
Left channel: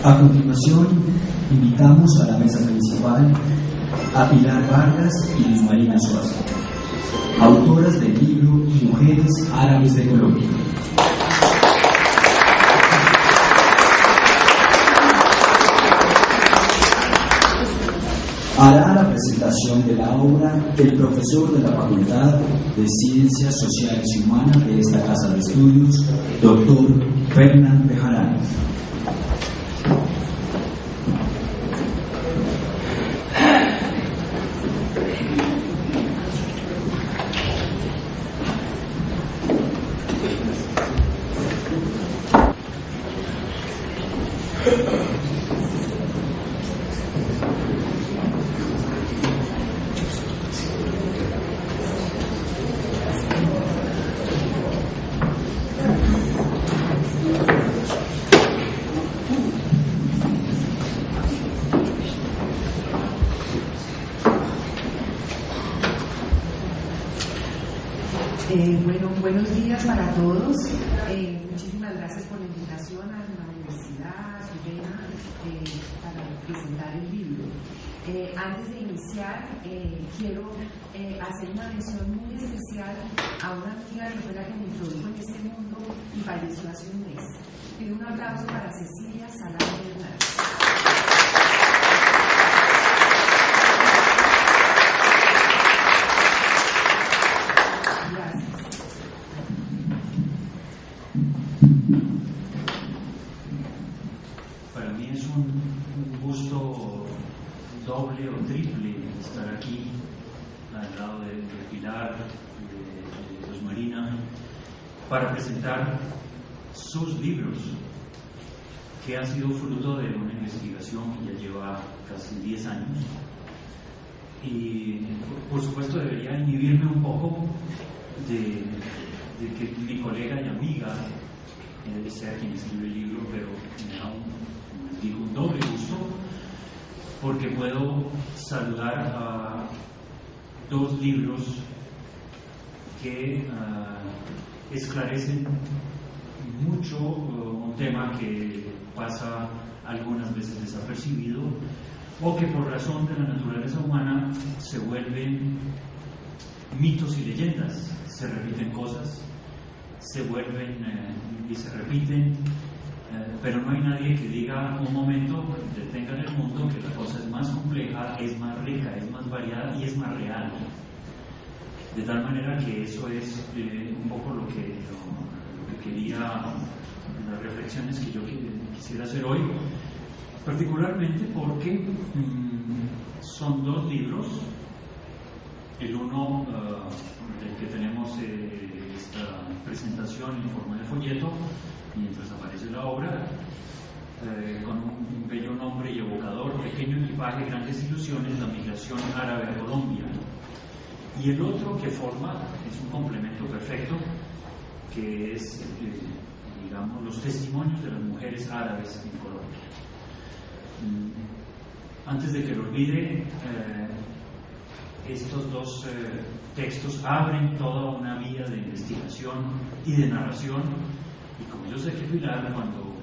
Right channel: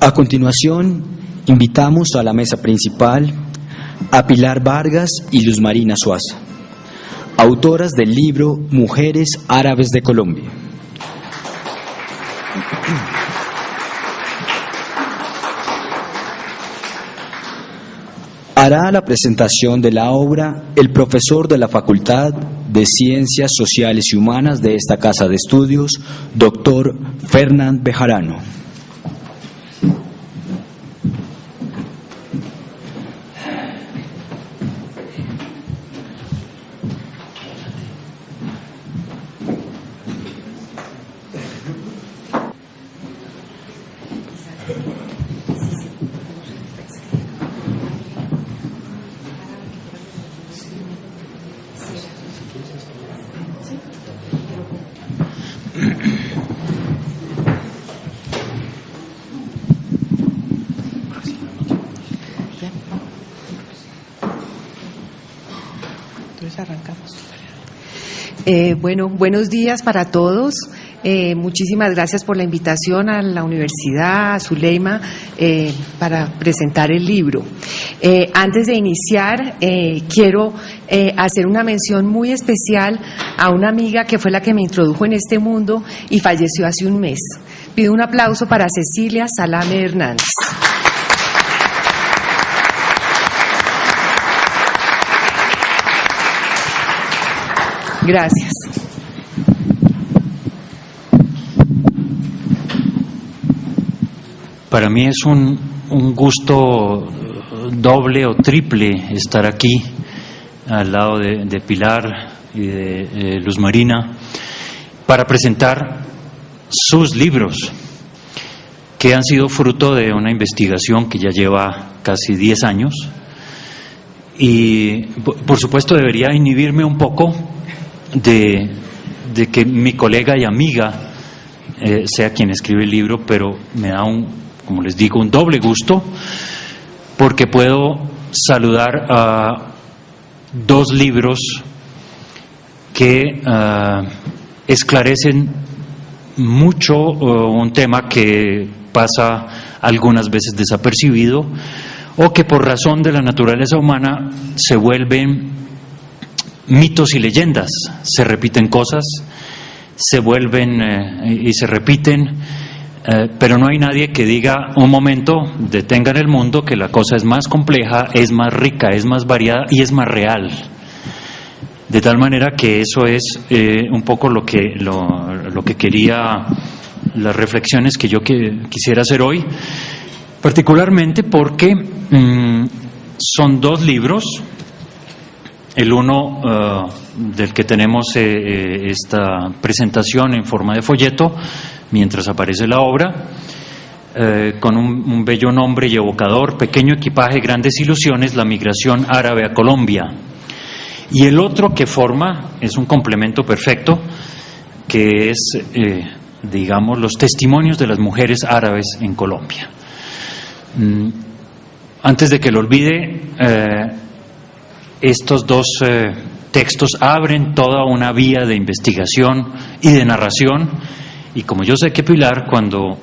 A continuación, invitamos a la mesa principal a Pilar Vargas y Luz Marina Suazo, autoras del libro Mujeres Árabes de Colombia. Hará la presentación de la obra el profesor de la Facultad de Ciencias Sociales y Humanas de esta Casa de Estudios, doctor Fernán Bejarano. Bueno, buenos días para todos. Muchísimas gracias por la invitación a la universidad, a Zuleima, para presentar el libro. Antes de iniciar, quiero hacer una mención muy especial a una amiga que fue la que me introdujo en este mundo y falleció hace un mes. Pido un aplauso para Cecilia Salame Hernández. Gracias. Para mí es un gusto doble o triple estar aquí al lado de Pilar y de Luz Marina para presentar sus libros que han sido fruto de una investigación que ya lleva casi 10 años y por supuesto debería inhibirme un poco de que mi colega y amiga sea quien escribe el libro, pero me da como les digo, un doble gusto porque puedo saludar a dos libros que esclarecen mucho un tema que pasa algunas veces desapercibido o que por razón de la naturaleza humana se vuelven mitos y leyendas, se repiten cosas, se vuelven y se repiten, pero no hay nadie que diga un momento, detengan el mundo, que la cosa es más compleja, es más rica, es más variada y es más real. De tal manera que eso es un poco lo que quería, las reflexiones que yo quisiera hacer hoy, particularmente porque son dos libros. El uno del que tenemos esta presentación en forma de folleto, mientras aparece la obra, con un bello nombre y evocador, Pequeño equipaje, grandes ilusiones, la migración árabe a Colombia. Y el otro que forma, es un complemento perfecto, que es, digamos, los testimonios de las mujeres árabes en Colombia. Antes de que lo olvide, estos dos textos abren toda una vía de investigación y de narración, y como yo sé que Pilar, cuando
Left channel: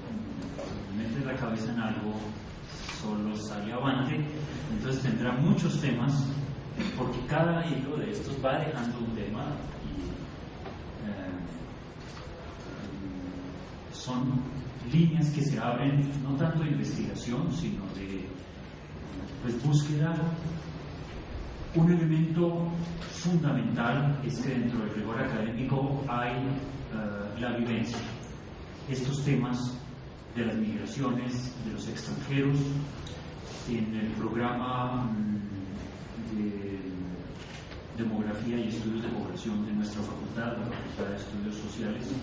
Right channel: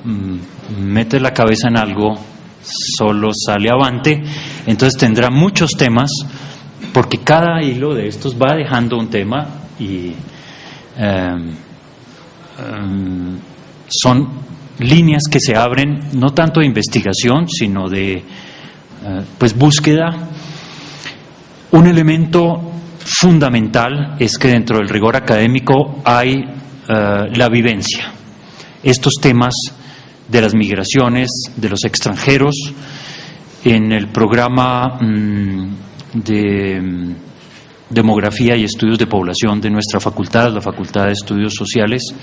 mete la cabeza en algo, solo sale avante, entonces tendrá muchos temas, porque cada hilo de estos va dejando un tema y son líneas que se abren no tanto de investigación, sino de pues búsqueda. Un elemento fundamental es que dentro del rigor académico hay la vivencia. Estos temas de las migraciones, de los extranjeros, en el programa de Demografía y Estudios de Población de nuestra facultad, la Facultad de Estudios Sociales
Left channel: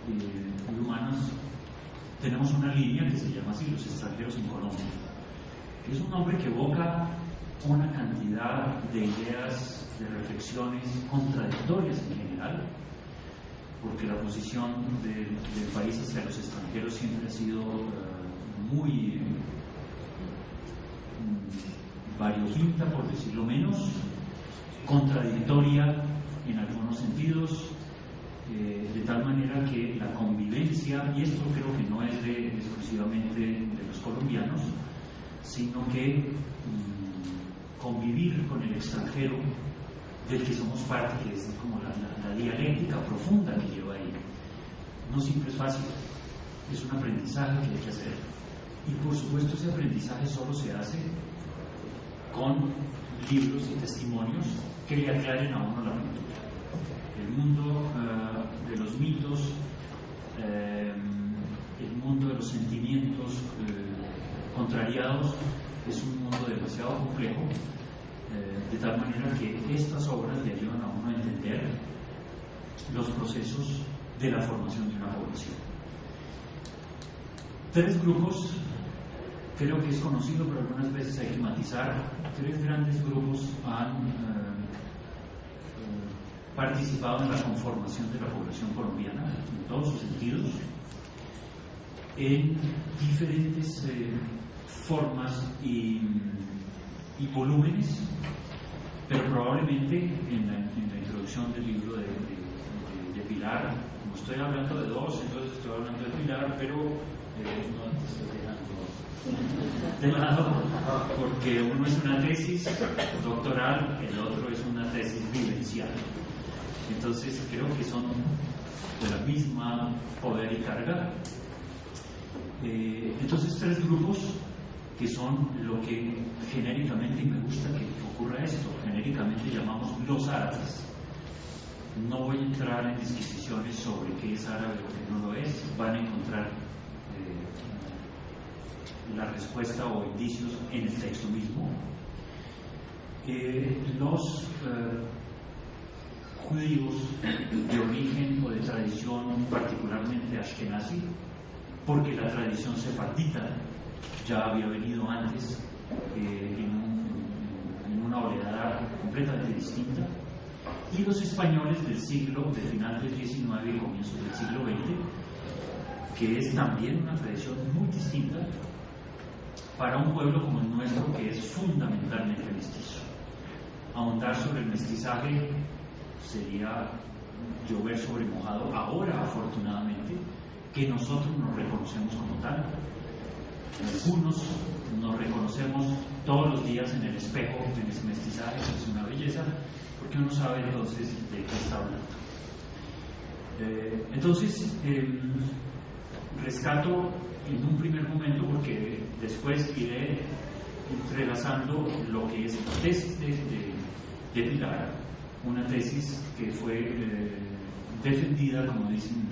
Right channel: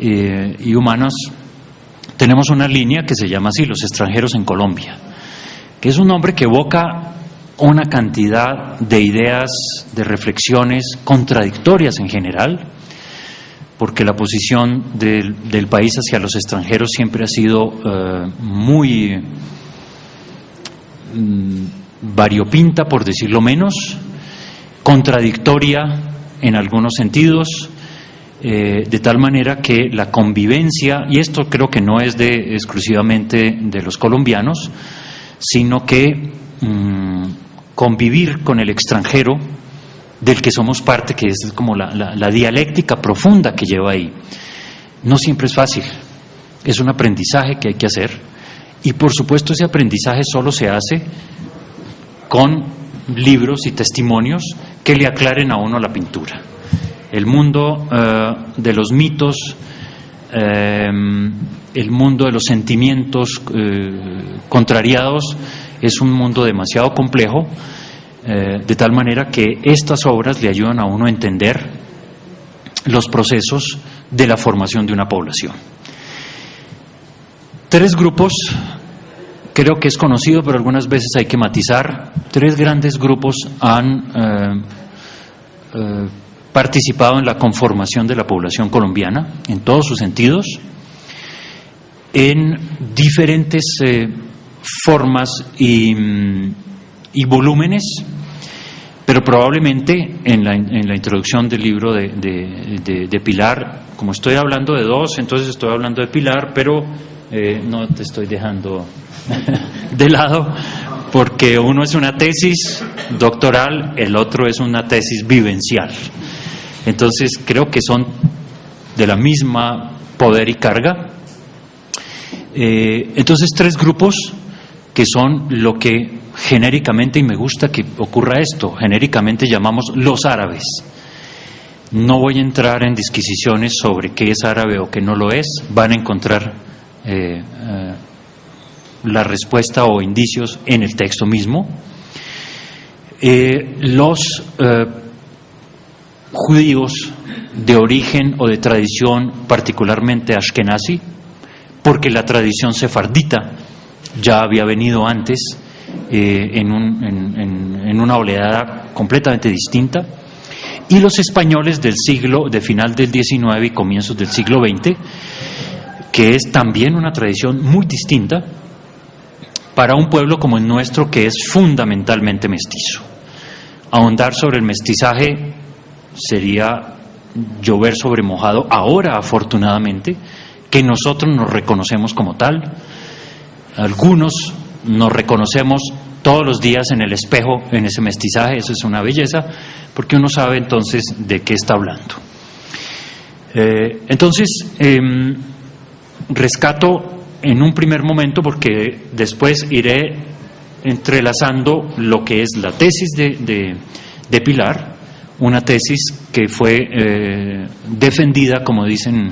y Humanos, tenemos una línea que se llama así, Los extranjeros en Colombia, que es un nombre que evoca una cantidad de ideas, de reflexiones contradictorias en general, porque la posición del país hacia los extranjeros siempre ha sido muy variopinta, por decirlo menos, contradictoria en algunos sentidos, de tal manera que la convivencia, y esto creo que no es exclusivamente de los colombianos, sino que convivir con el extranjero del que somos parte, que es como la dialéctica profunda que lleva ahí, no siempre es fácil, es un aprendizaje que hay que hacer, y por supuesto ese aprendizaje solo se hace con libros y testimonios que le aclaren a uno la pintura. El mundo de los mitos, el mundo de los sentimientos contrariados es un mundo demasiado complejo, de tal manera que estas obras le ayudan a uno a entender los procesos de la formación de una población. 3 grupos, creo que es conocido, pero algunas veces hay que matizar. 3 grandes grupos han participado en la conformación de la población colombiana, en todos sus sentidos, en diferentes formas y volúmenes, pero probablemente en la introducción del libro de Pilar, como estoy hablando de 2, entonces estoy hablando de Pilar, pero no te estoy dejando de lado, porque uno es una tesis doctoral, el otro es una tesis vivencial. Entonces creo que son de la misma poder y carga. Entonces 3 grupos que son lo que genéricamente, y me gusta que ocurra esto, genéricamente llamamos los árabes. No voy a entrar en disquisiciones sobre qué es árabe o qué no lo es, van a encontrar la respuesta o indicios en el texto mismo. Los judíos de origen o de tradición particularmente ashkenazi, porque la tradición sefardita ya había venido antes en una oleada completamente distinta, y los españoles de final del XIX y comienzos del siglo XX, que es también una tradición muy distinta para un pueblo como el nuestro, que es fundamentalmente mestizo. Ahondar sobre el mestizaje sería llover sobre mojado. Ahora, afortunadamente, que nosotros nos reconocemos como tal, algunos nos reconocemos todos los días en el espejo, en ese mestizaje. Eso es una belleza, porque uno sabe entonces de qué está hablando. Entonces, rescato en un primer momento, porque después iré entrelazando lo que es la tesis de Pilar, una tesis que fue defendida, como dicen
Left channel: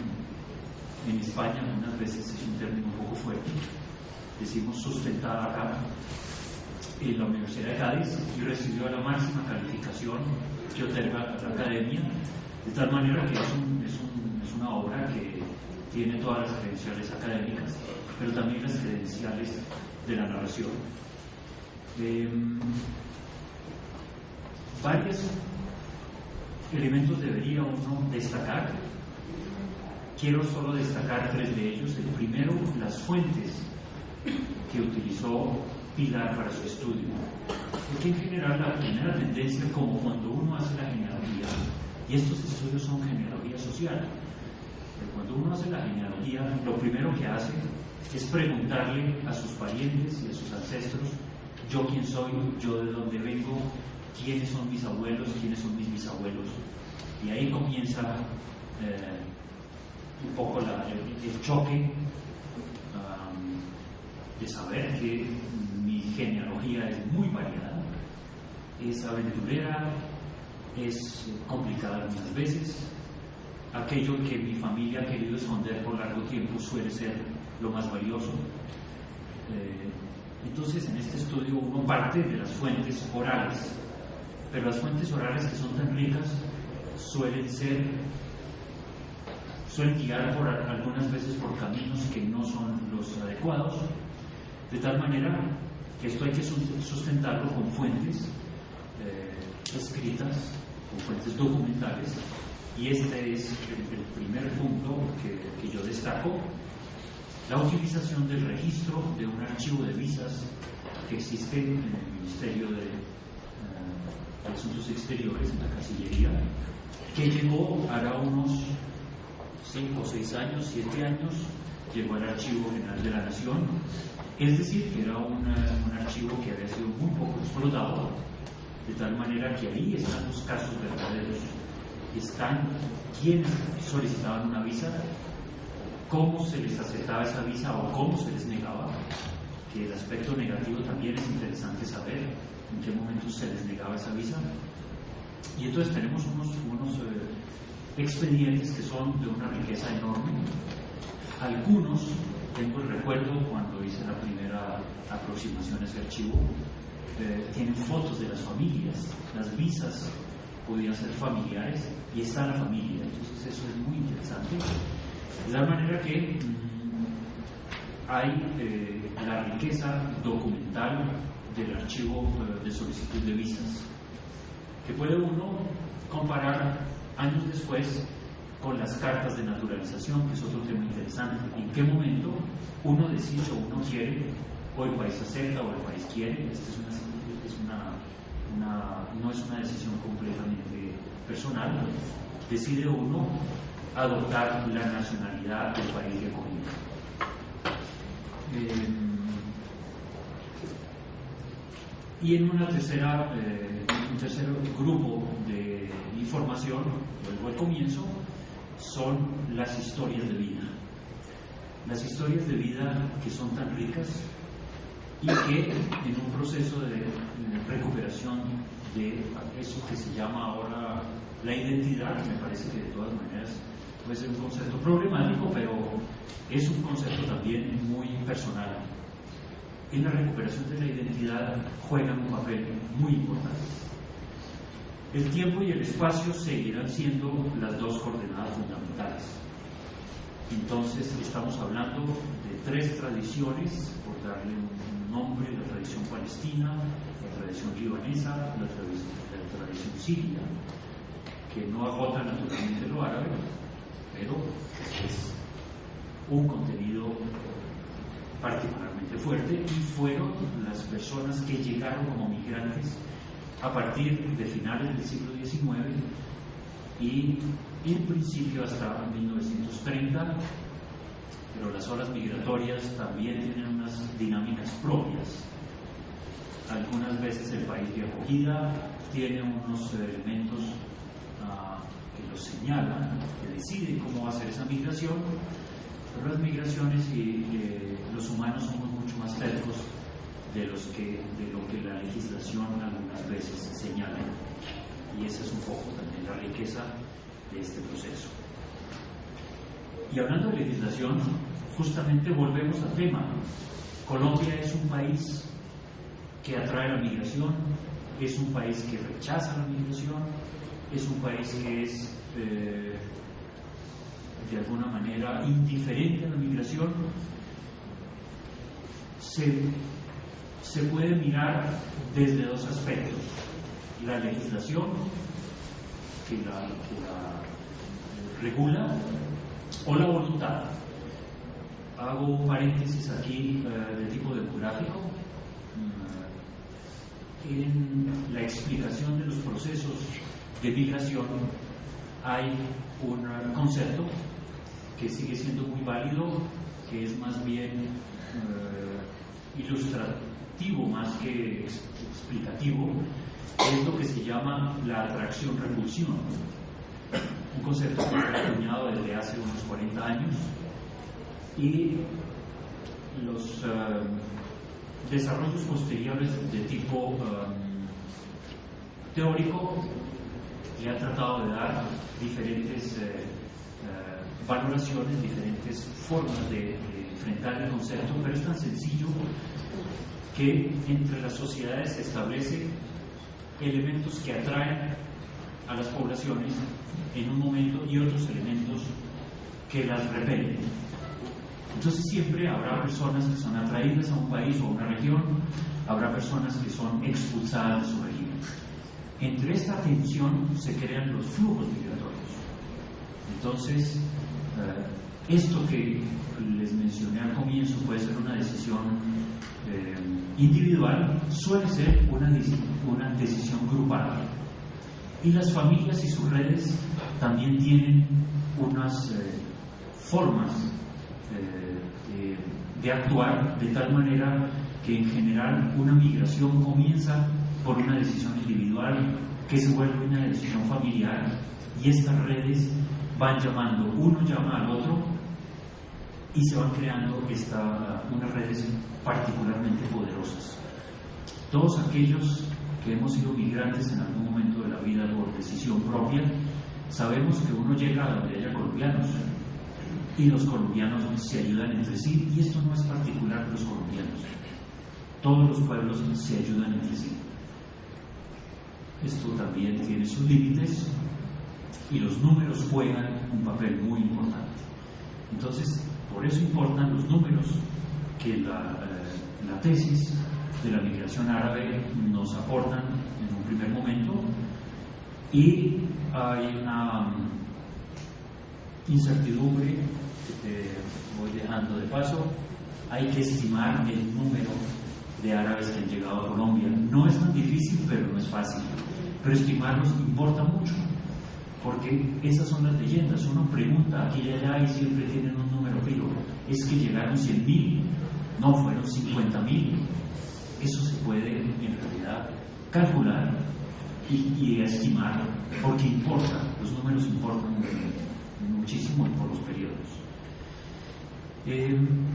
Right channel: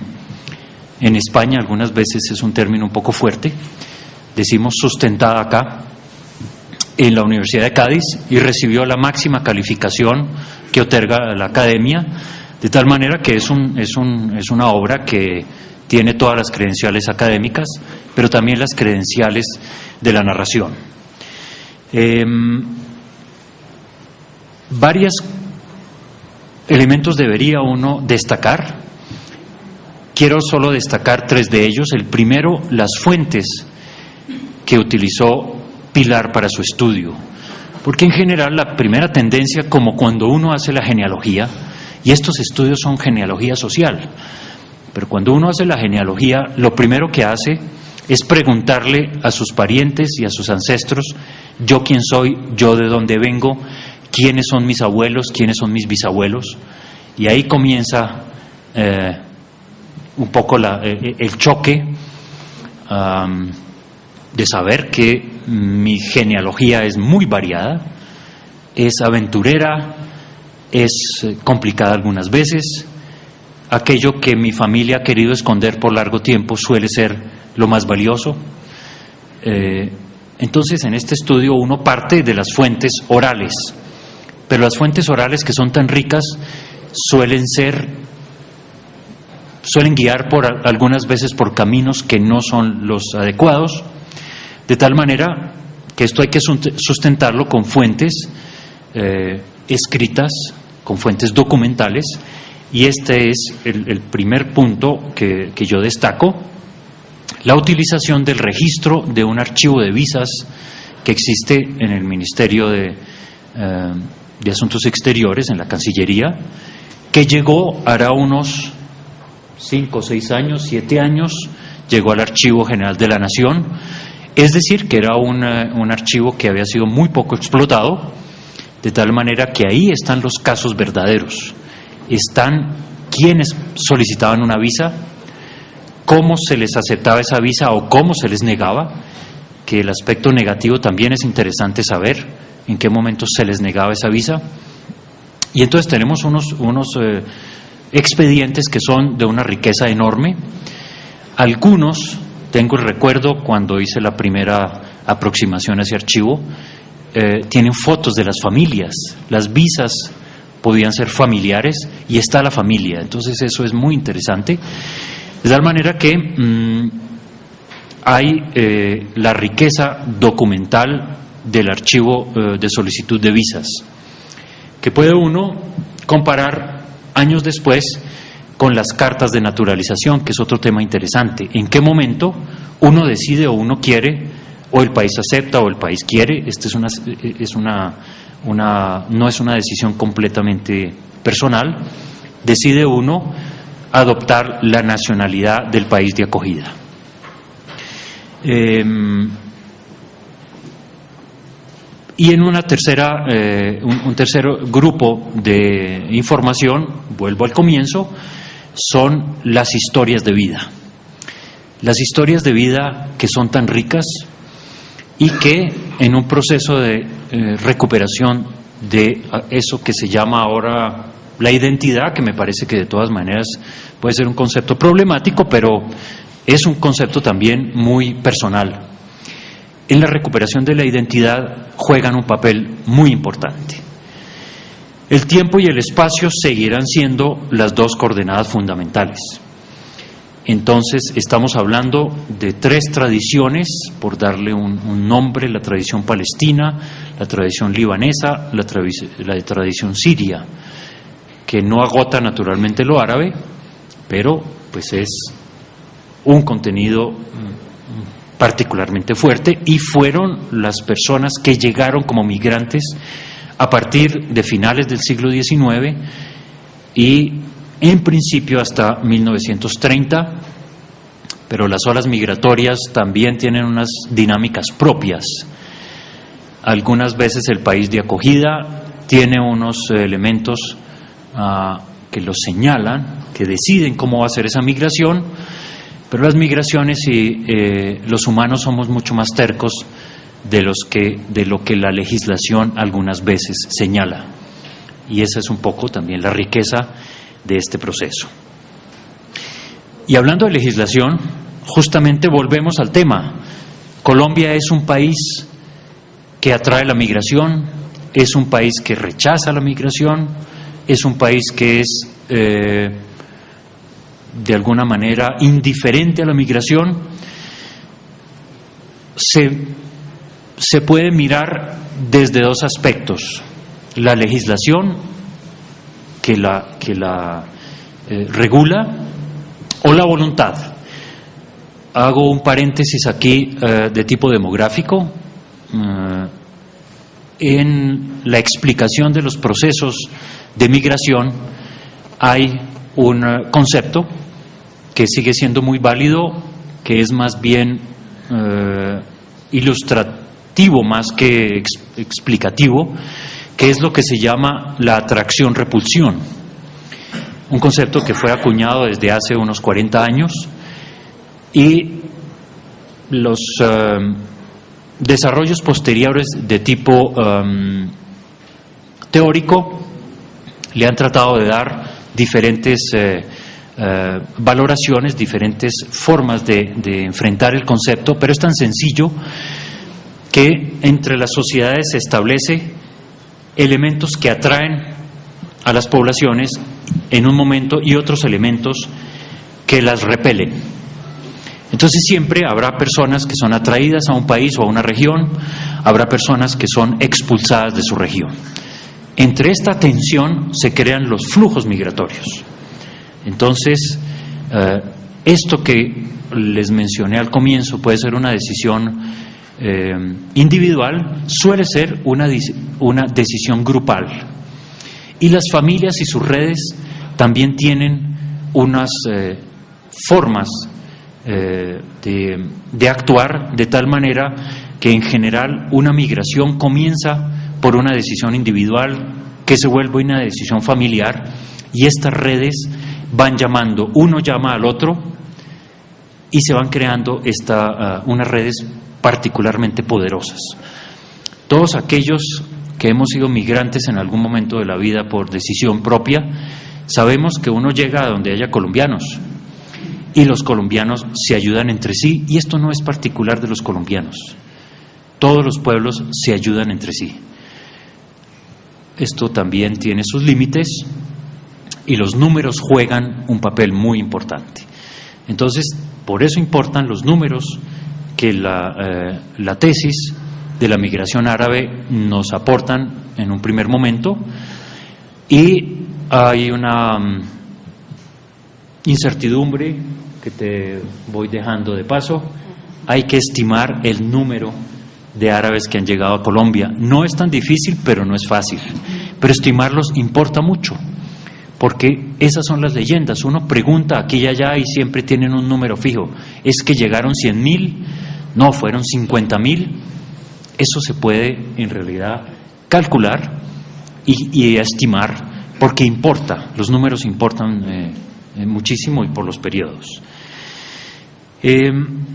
en España, algunas veces es un término un poco fuerte, decimos sustentada acá, en la Universidad de Cádiz, y recibió la máxima calificación que otorga la academia, de tal manera que es una obra que tiene todas las credenciales académicas, pero también las credenciales de la narración. Varios elementos debería uno destacar. Quiero solo destacar 3 de ellos. El primero, las fuentes que utilizó Pilar para su estudio, porque en general la primera tendencia, como cuando uno hace la genealogía, y estos estudios son genealogía social, pero cuando uno hace la genealogía, lo primero que hace es preguntarle a sus parientes y a sus ancestros: yo quién soy, yo de dónde vengo, quiénes son mis abuelos, quiénes son mis bisabuelos, y ahí comienza un poco el choque de saber que mi genealogía es muy variada, es aventurera, es complicada algunas veces. Aquello que mi familia ha querido esconder por largo tiempo suele ser lo más valioso. Entonces, en este estudio uno parte de las fuentes orales, pero las fuentes orales, que son tan ricas, suelen guiar algunas veces por caminos que no son los adecuados, de tal manera que esto hay que sustentarlo con fuentes escritas, con fuentes documentales, y este es el primer punto que yo destaco: la utilización del registro de un archivo de visas que existe en el Ministerio de Asuntos Exteriores, en la Cancillería, que llegó hará unos 5, 6 años, 7 años, llegó al Archivo General de la Nación. Es decir, que era un archivo que había sido muy poco explotado, de tal manera que ahí están los casos verdaderos. Están quienes solicitaban una visa, cómo se les aceptaba esa visa o cómo se les negaba, que el aspecto negativo también es interesante saber en qué momento se les negaba esa visa. Y entonces tenemos unos expedientes que son de una riqueza enorme. Algunos, tengo el recuerdo cuando hice la primera aproximación a ese archivo, tienen fotos de las familias. Las visas podían ser familiares y está la familia. Entonces eso es muy interesante. De tal manera que hay la riqueza documental del archivo de solicitud de visas, que puede uno comparar años después con las cartas de naturalización, que es otro tema interesante. ¿En qué momento uno decide o uno quiere, o el país acepta o el país quiere? No es una decisión completamente personal. Decide uno adoptar la nacionalidad del país de acogida. Y en una tercera, un tercer grupo de información, vuelvo al comienzo, son las historias de vida. Las historias de vida que son tan ricas y que en un proceso de recuperación de eso que se llama ahora la identidad, que me parece que de todas maneras puede ser un concepto problemático, pero es un concepto también muy personal. En la recuperación de la identidad juegan un papel muy importante. El tiempo y el espacio seguirán siendo las dos coordenadas fundamentales. Entonces estamos hablando de 3 tradiciones, por darle un nombre: la tradición palestina, la tradición libanesa, la tradición siria, que no agota naturalmente lo árabe, pero pues es un contenido particularmente fuerte, y fueron las personas que llegaron como migrantes a partir de finales del siglo XIX y en principio hasta 1930, pero las olas migratorias también tienen unas dinámicas propias. Algunas veces el país de acogida tiene unos elementos que los señalan, que deciden cómo va a ser esa migración, pero las migraciones y los humanos somos mucho más tercos de lo que la legislación algunas veces señala. Y esa es un poco también la riqueza de este proceso. Y hablando de legislación, justamente volvemos al tema. Colombia es un país que atrae la migración, es un país que rechaza la migración, es un país que es de alguna manera indiferente a la migración. Se puede mirar desde 2 aspectos: la legislación que la regula, o la voluntad. Hago un paréntesis aquí de tipo demográfico. En la explicación de los procesos de migración hay un concepto que sigue siendo muy válido, que es más bien ilustrativo más que explicativo, que es lo que se llama la atracción-repulsión, un concepto que fue acuñado desde hace unos 40 años, y los desarrollos posteriores de tipo teórico le han tratado de dar diferentes valoraciones, diferentes formas de enfrentar el concepto, pero es tan sencillo que entre las sociedades se establece elementos que atraen a las poblaciones en un momento y otros elementos que las repelen. Entonces siempre habrá personas que son atraídas a un país o a una región, habrá personas que son expulsadas de su región. Entre esta tensión se crean los flujos migratorios. Entonces, esto que les mencioné al comienzo puede ser una decisión individual, suele ser una decisión grupal. Y las familias y sus redes también tienen unas formas de actuar de tal manera que en general una migración comienza por una decisión individual que se vuelve una decisión familiar, y estas redes van llamando, uno llama al otro y se van creando unas redes particularmente poderosas. Todos aquellos que hemos sido migrantes en algún momento de la vida por decisión propia, sabemos que uno llega a donde haya colombianos y los colombianos se ayudan entre sí, y esto no es particular de los colombianos. Todos los pueblos se ayudan entre sí. Esto también tiene sus límites y los números juegan un papel muy importante. Entonces, por eso importan los números que la tesis de la migración árabe nos aportan en un primer momento, y hay una incertidumbre que te voy dejando de paso. Hay que estimar el número de árabes que han llegado a Colombia. No es tan difícil, pero no es fácil. Pero estimarlos importa mucho, porque esas son las leyendas. Uno pregunta aquí y allá y siempre tienen un número fijo. ¿Es que llegaron 100.000? No, fueron 50.000. Eso se puede en realidad calcular y estimar, porque importa. Los números importan muchísimo, y por los periodos. En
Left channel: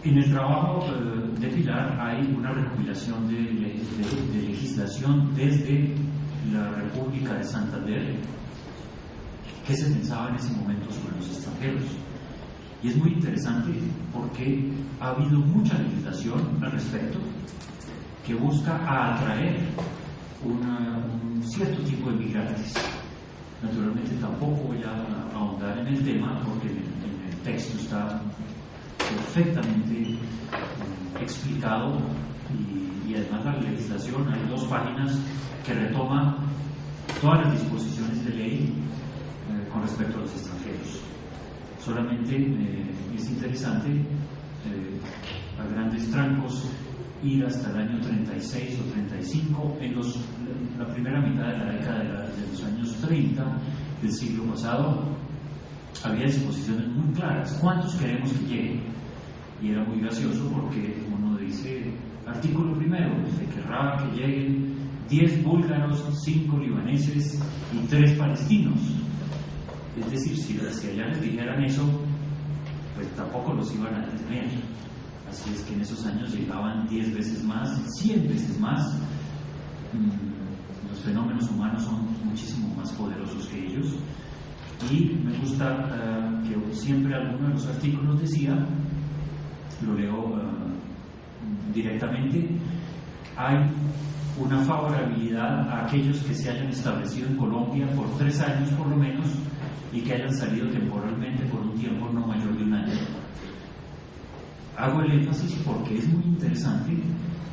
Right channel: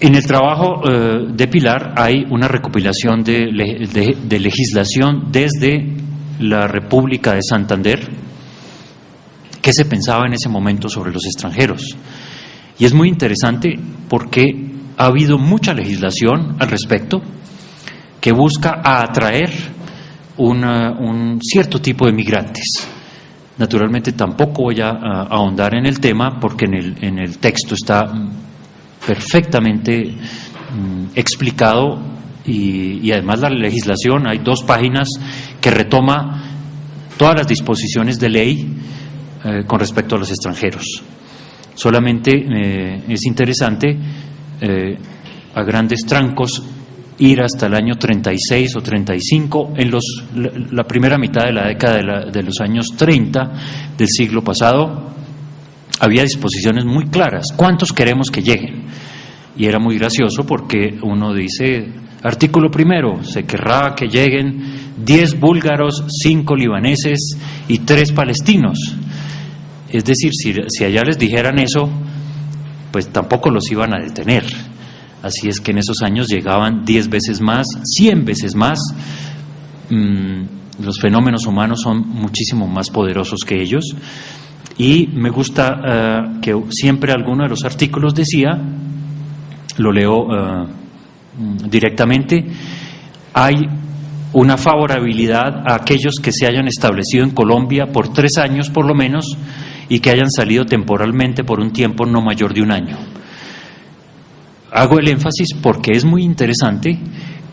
el trabajo de Pilar hay una recopilación de legislación desde la República de Santander, que se pensaba en ese momento sobre los extranjeros. Y es muy interesante porque ha habido mucha legislación al respecto que busca atraer un cierto tipo de migrantes. Naturalmente tampoco voy a ahondar en el tema, porque en el texto está perfectamente explicado, y además la legislación, hay 2 páginas que retoma todas las disposiciones de ley con respecto a los extranjeros. Solamente es interesante a grandes trancos ir hasta el año 36 o 35, en la primera mitad de la década de los años 30 del siglo pasado. Había disposiciones muy claras, ¿cuántos queremos que lleguen? Y era muy gracioso porque uno dice, artículo primero, se querrá que lleguen 10 búlgaros, 5 libaneses y 3 palestinos. Es decir, si allá les dijeran eso, pues tampoco los iban a detener. Así es que en esos años llegaban 10 veces más, 100 veces más. Los fenómenos humanos son muchísimo más poderosos que ellos. Y me gusta que siempre alguno de los artículos decía, lo leo directamente, hay una favorabilidad a aquellos que se hayan establecido en Colombia por 3 años por lo menos, y que hayan salido temporalmente por un tiempo no mayor de 1 año. Hago el énfasis porque es muy interesante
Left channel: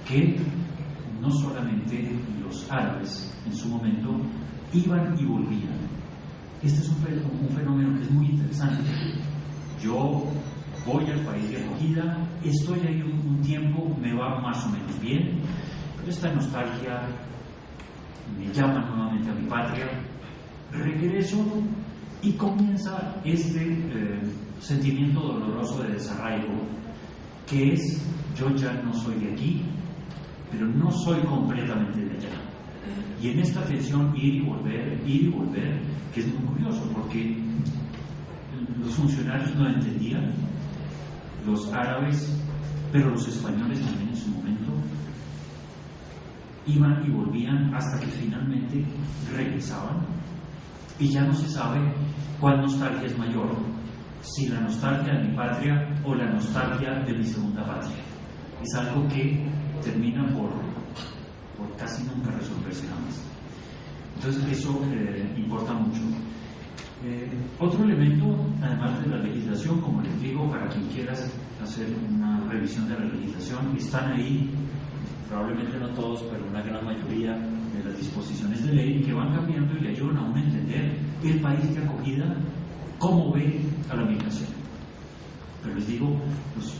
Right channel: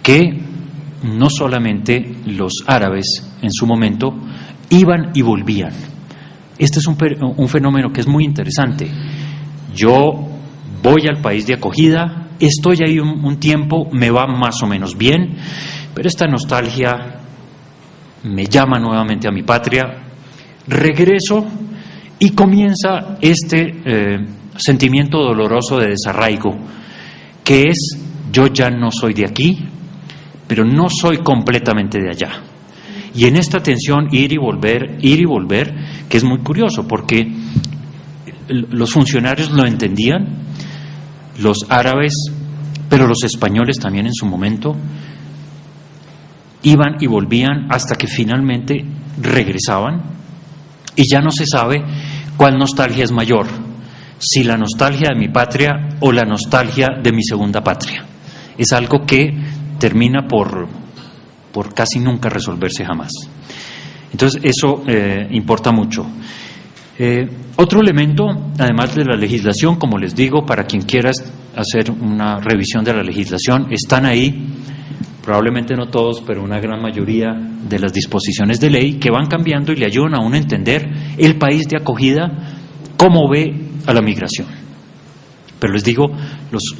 que no solamente los árabes en su momento iban y volvían. Este es un fenómeno que es muy interesante. Yo voy al país de acogida, estoy ahí un tiempo, me va más o menos bien, pero esta nostalgia me llama nuevamente a mi patria, regreso y comienza este sentimiento doloroso de desarraigo, que es, yo ya no soy de aquí, pero no soy completamente de allá. Y en esta tensión ir y volver, que es muy curioso, porque los funcionarios lo entendían, los árabes, pero los españoles también en su momento, iban y volvían hasta que finalmente regresaban, y ya no se sabe cuál nostalgia es mayor, si la nostalgia de mi patria o la nostalgia de mi segunda patria. Es algo que termina por por casi nunca resolverse jamás. Entonces eso importa mucho. Otro elemento, además de la legislación, como les digo, para quien quiera hacer una revisión de la legislación, están ahí, probablemente no todos, pero una gran mayoría de las disposiciones de ley que van cambiando y le ayudan a uno a entender el país de acogida, cómo ve a la migración. Pero les digo, los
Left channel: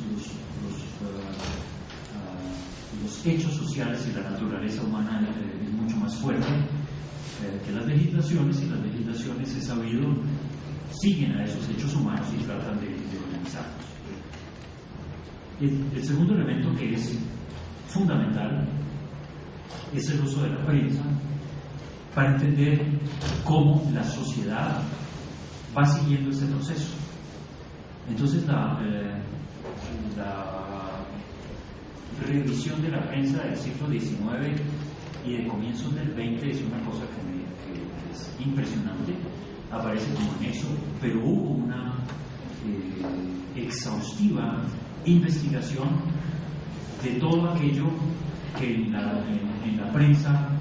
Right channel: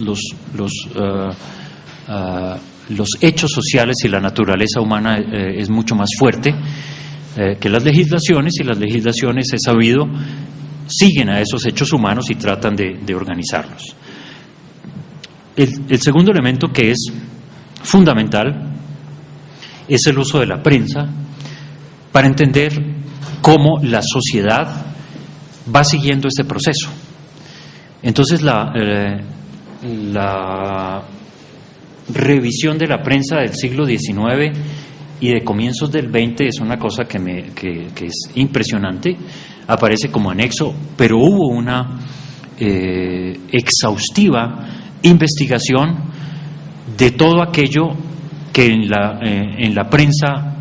hechos sociales y la naturaleza humana es mucho más fuerte que las legislaciones, y las legislaciones, he sabido, siguen a esos hechos humanos y tratan de organizarlos. El segundo elemento, que es fundamental, es el uso de la prensa para entender cómo la sociedad va siguiendo este proceso. Entonces la revisión de la prensa del siglo XIX y de comienzos del XX es una cosa que es impresionante, aparece como anexo, pero hubo una exhaustiva investigación de todo aquello que en la prensa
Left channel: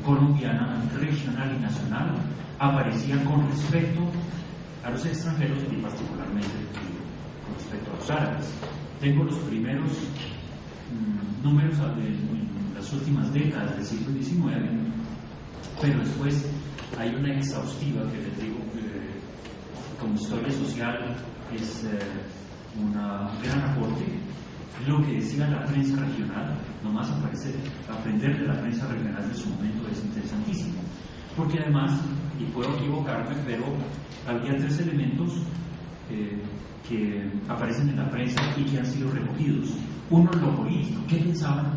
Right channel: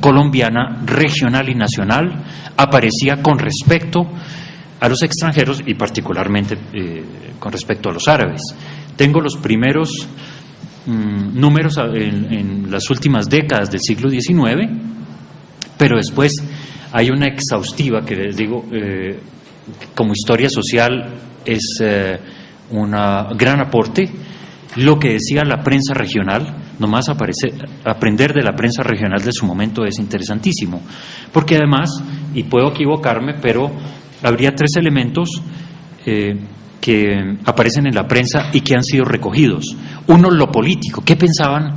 colombiana, regional y nacional, aparecía con respecto a los extranjeros y particularmente con respecto a los árabes. Tengo los primeros números en las últimas décadas del siglo XIX, pero después hay una exhaustiva que les digo, como historia social es un gran aporte. Lo que decía la prensa regional, nomás aprender de la prensa regional de su momento es interesantísimo, porque además, y puedo equivocarme, pero habría tres elementos que aparecen en la prensa y que han sido recogidos. Uno, lo político. ¿Qué pensaban?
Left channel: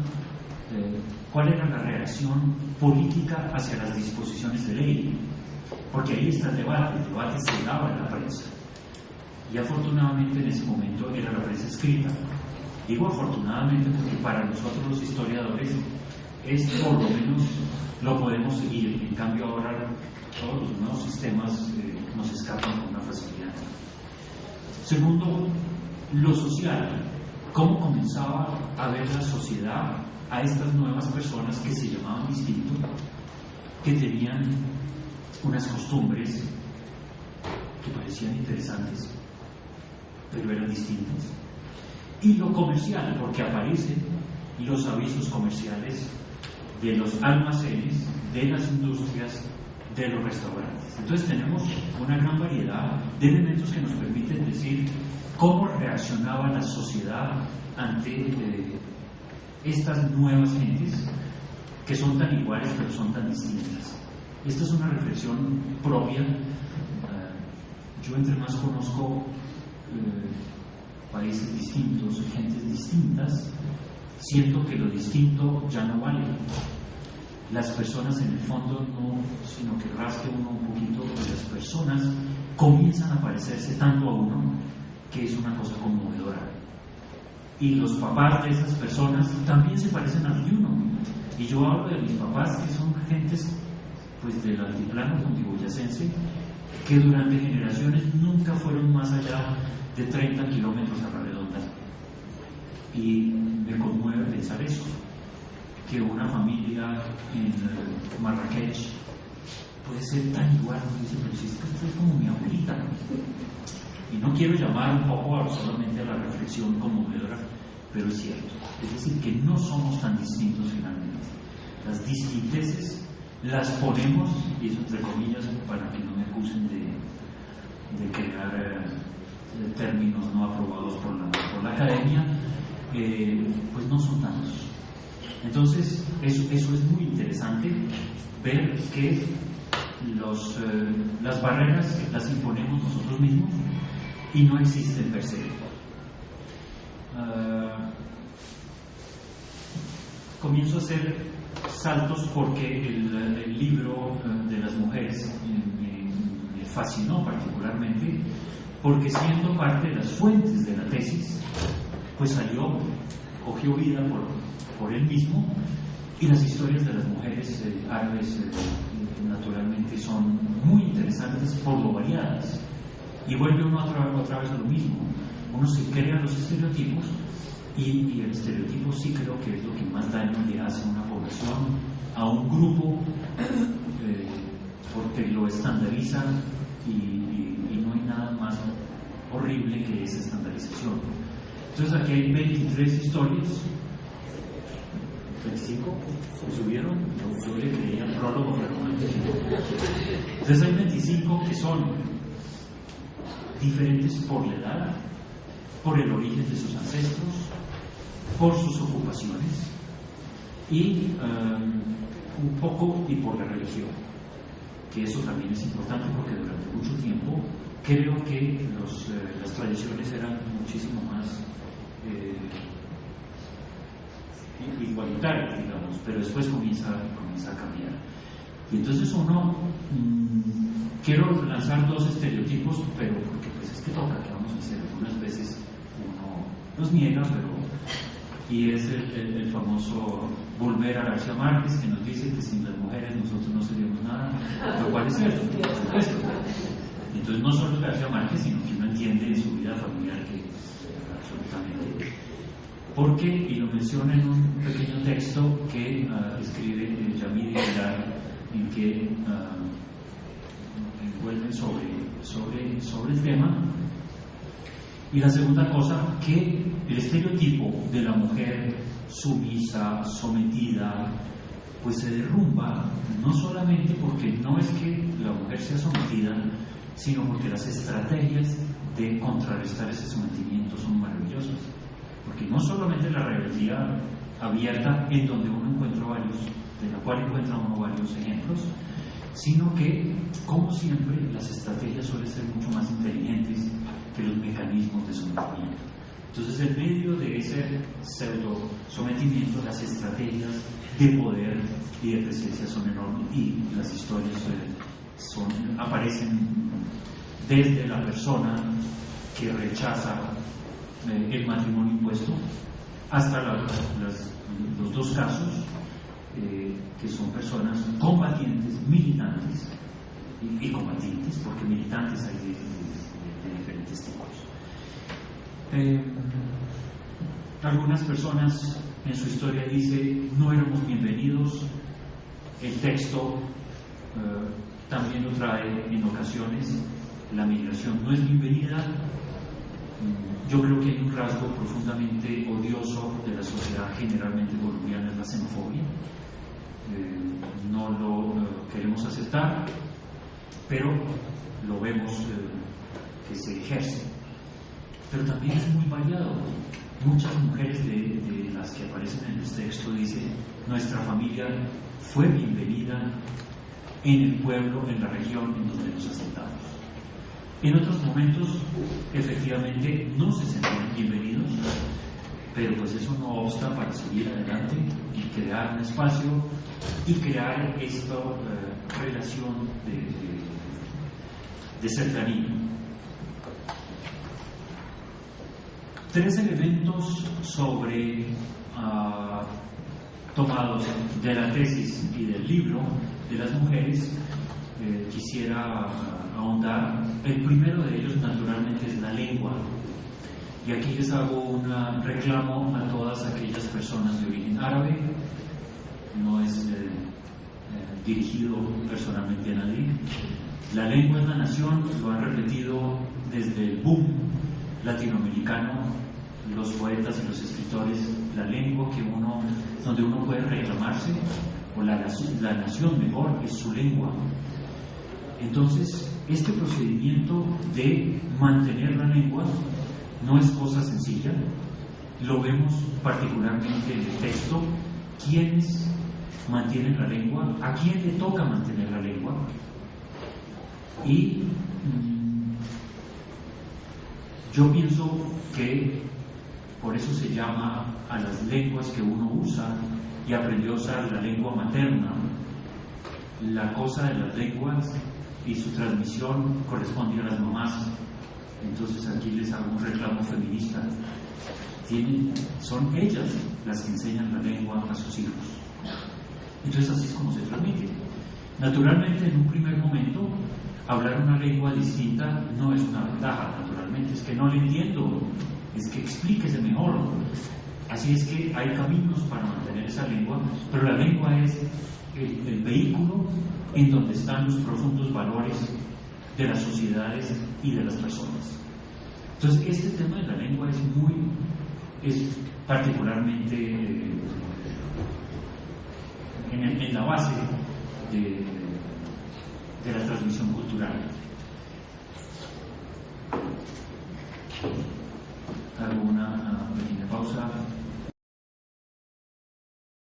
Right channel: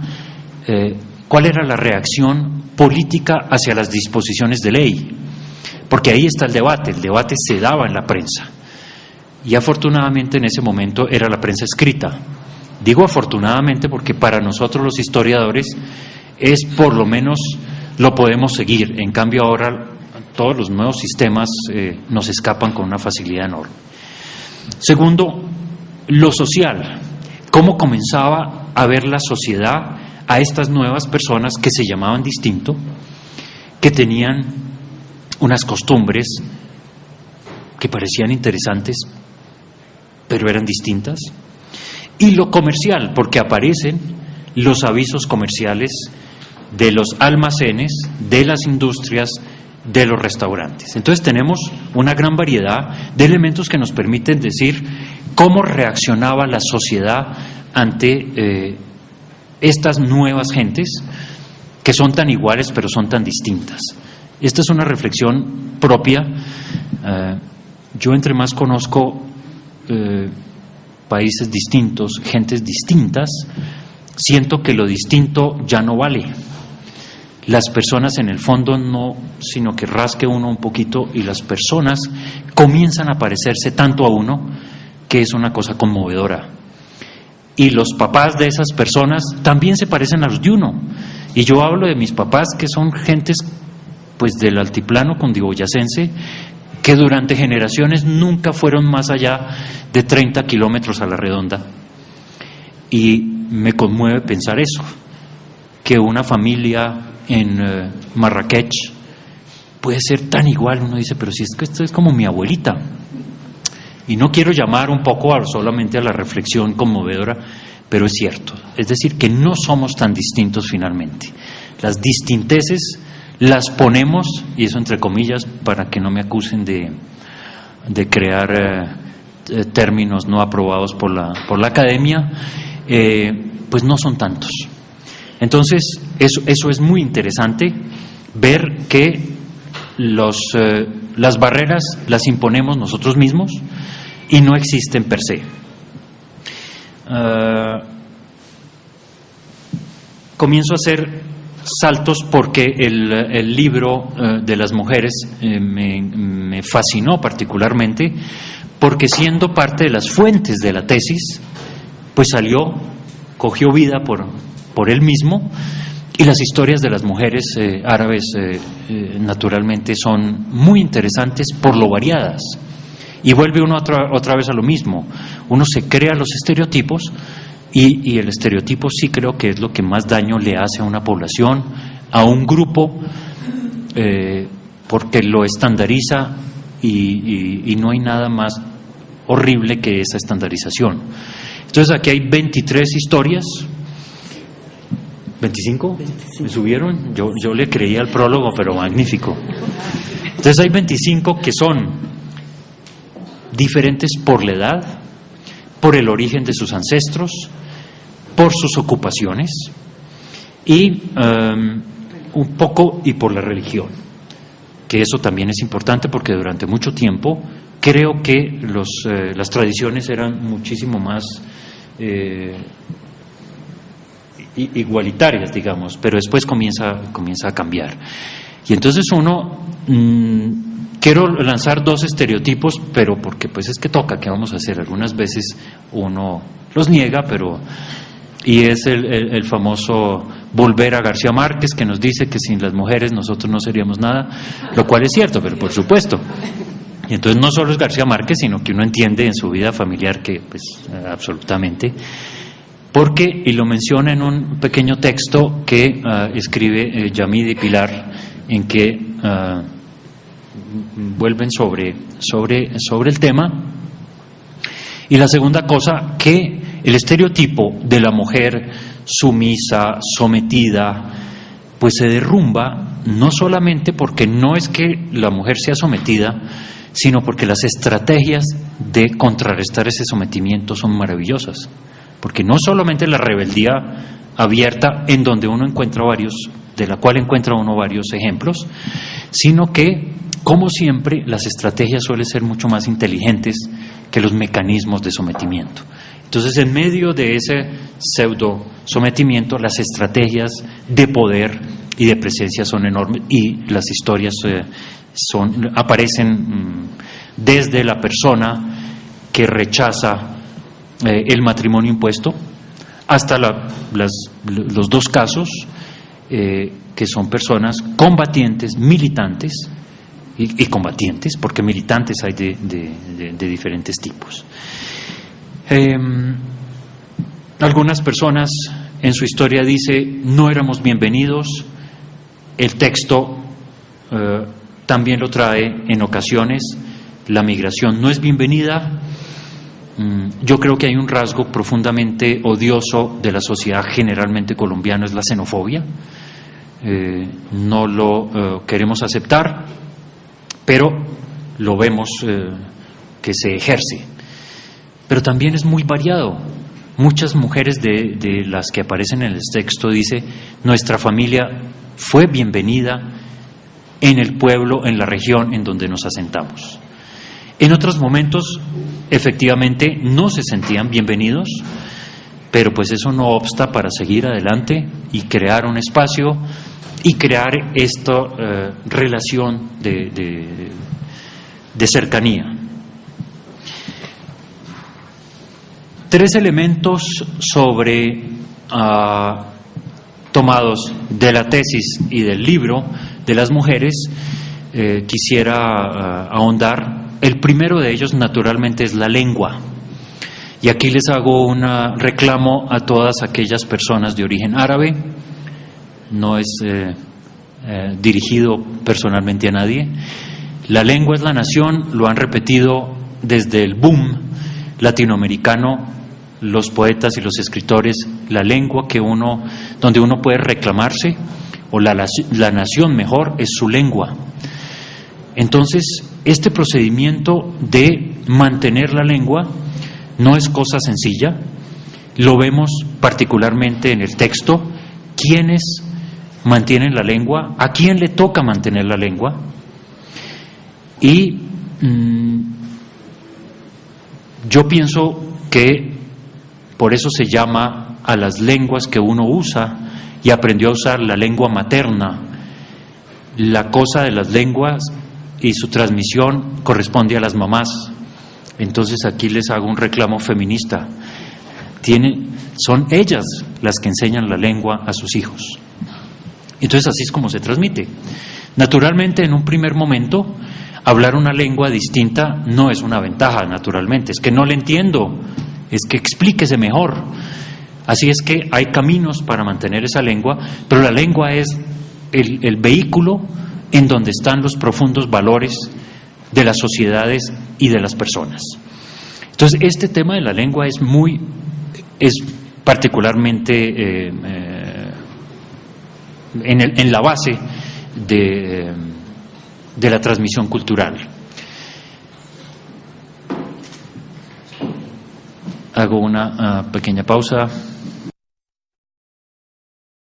¿Cuál era la reacción política hacia las disposiciones de ley? Porque ahí está el debate se daba en la prensa. Y afortunadamente en ese momento era la prensa escrita. Digo afortunadamente porque para nosotros los historiadores es por lo menos lo podemos seguir. En cambio ahora todos los nuevos sistemas nos escapan con una facilidad enorme. Segundo, lo social. ¿Cómo comenzaba a ver la sociedad a estas nuevas personas que se llamaban distinto, que tenían unas costumbres que parecían interesantes, pero eran distintas? Y lo comercial, porque aparecen los avisos comerciales de los almacenes, de las industrias, de los restaurantes. Entonces tenemos una gran variedad de elementos que nos permiten decir cómo reaccionaba la sociedad ante estas nuevas gentes que son tan iguales pero son tan distintas. Esta es una reflexión propia. Yo entre más conozco países distintos, gentes distintas, siento que lo distinto ya no vale. Las personas en el fondo no, sino que rasque uno un poquito y las personas comienzan a parecerse tanto a uno que es una cosa conmovedora. Y los papás de esas personas también se parecen a los de uno. Y yo hablo de mis papás, que son gentes pues del altiplano cundiboyacense, que durante generaciones nunca fueron más allá de 30 kilómetros a la redonda. Y me conmueve pensar eso, que una familia en Marrakech puede ser tan igual. Uno dice, pero si es que esto es como mi abuelita. Y no quiero llamar un poco solamente a la reflexión conmovedora, pero es cierto. Es decir, que no somos tan distintos finalmente. Las distinteces las ponemos, y eso entre comillas, para que no me acusen de crear términos no aprobados por la academia, pues no son tantos. Entonces, eso es muy interesante, ver que las barreras las imponemos nosotros mismos y no existen per se. Comienzo a hacer saltos porque el libro de las mujeres me fascinó particularmente, porque siendo parte de las fuentes de la tesis, pues cogió vida por él mismo, y las historias de las mujeres árabes naturalmente son muy interesantes por lo variadas. Y vuelve uno otra vez a lo mismo. Uno se crea los estereotipos Y el estereotipo sí creo que es lo que más daño le hace a una población, a un grupo, porque lo estandariza y no hay nada más horrible que esa estandarización. Entonces aquí hay 23 historias. ¿25? ¿Me subieron? Yo le creía al prólogo, pero magnífico. Entonces hay 25 que son diferentes por la edad, por el origen de sus ancestros, por sus ocupaciones y un poco y por la religión, que eso también es importante porque durante mucho tiempo creo que las tradiciones eran muchísimo más igualitarias, digamos, pero después comienza a cambiar. Y entonces quiero lanzar 2 estereotipos, pero porque pues es que toca, ¿qué vamos a hacer? Algunas veces uno los niega, y es el famoso volver a García Márquez, que nos dice que sin las mujeres nosotros no seríamos nada, lo cual es cierto, pero por supuesto. Y entonces no solo es García Márquez, sino que uno entiende en su vida familiar que pues absolutamente, porque, y lo menciona en un pequeño texto que escribe Yamid y Pilar, en que vuelven sobre el tema. Y la segunda cosa, que el estereotipo de la mujer sumisa, sometida, pues se derrumba, no solamente porque no es que la mujer sea sometida, sino porque las estrategias de contrarrestar ese sometimiento son maravillosas. Porque no solamente la rebeldía abierta, en donde uno encuentra de la cual encuentra uno varios ejemplos, sino que, como siempre, las estrategias suelen ser mucho más inteligentes que los mecanismos de sometimiento. Entonces, en medio de ese pseudo sometimiento, las estrategias de poder y de presencia son enormes, y las historias aparecen desde la persona que rechaza el matrimonio impuesto hasta los 2 casos que son personas combatientes, militantes y combatientes, porque militantes hay de diferentes tipos. Algunas personas en su historia dice: no éramos bienvenidos. El texto también lo trae en ocasiones: la migración no es bienvenida. Yo creo que hay un rasgo profundamente odioso de la sociedad generalmente colombiana, es la xenofobia. No lo queremos aceptar, pero lo vemos que se ejerce. Pero también es muy variado. Muchas mujeres de las que aparecen en el texto dice: nuestra familia fue bienvenida en el pueblo, en la región en donde nos asentamos. En otros momentos, efectivamente, no se sentían bienvenidos, pero pues eso no obsta para seguir adelante y crear un espacio y crear esta relación de cercanía. 3 elementos tomados de la tesis y del libro de las mujeres, quisiera ahondar. El primero de ellos, naturalmente, es la lengua. Y aquí les hago un reclamo a todas aquellas personas de origen árabe. No es dirigido personalmente a nadie. La lengua es la nación, lo han repetido desde el boom latinoamericano, los poetas y los escritores. La lengua donde uno puede reclamarse, o la nación mejor, es su lengua. Entonces, este procedimiento de mantener la lengua no es cosa sencilla. Lo vemos particularmente en el texto. ¿Quiénes mantienen la lengua? ¿A quién le toca mantener la lengua? Y yo pienso que por eso se llama a las lenguas que uno usa y aprendió a usar la lengua materna. La cosa de las lenguas y su transmisión corresponde a las mamás. Entonces aquí les hago un reclamo feminista. Son ellas las que enseñan la lengua a sus hijos. Entonces así es como se transmite. Naturalmente, en un primer momento, hablar una lengua distinta no es una ventaja, naturalmente. Es que no le entiendo, es que explíquese mejor. Así es que hay caminos para mantener esa lengua, pero la lengua es el vehículo en donde están los profundos valores de las sociedades y de las personas. Entonces, este tema de la lengua es particularmente en la base de la transmisión cultural. Hago una pequeña pausa.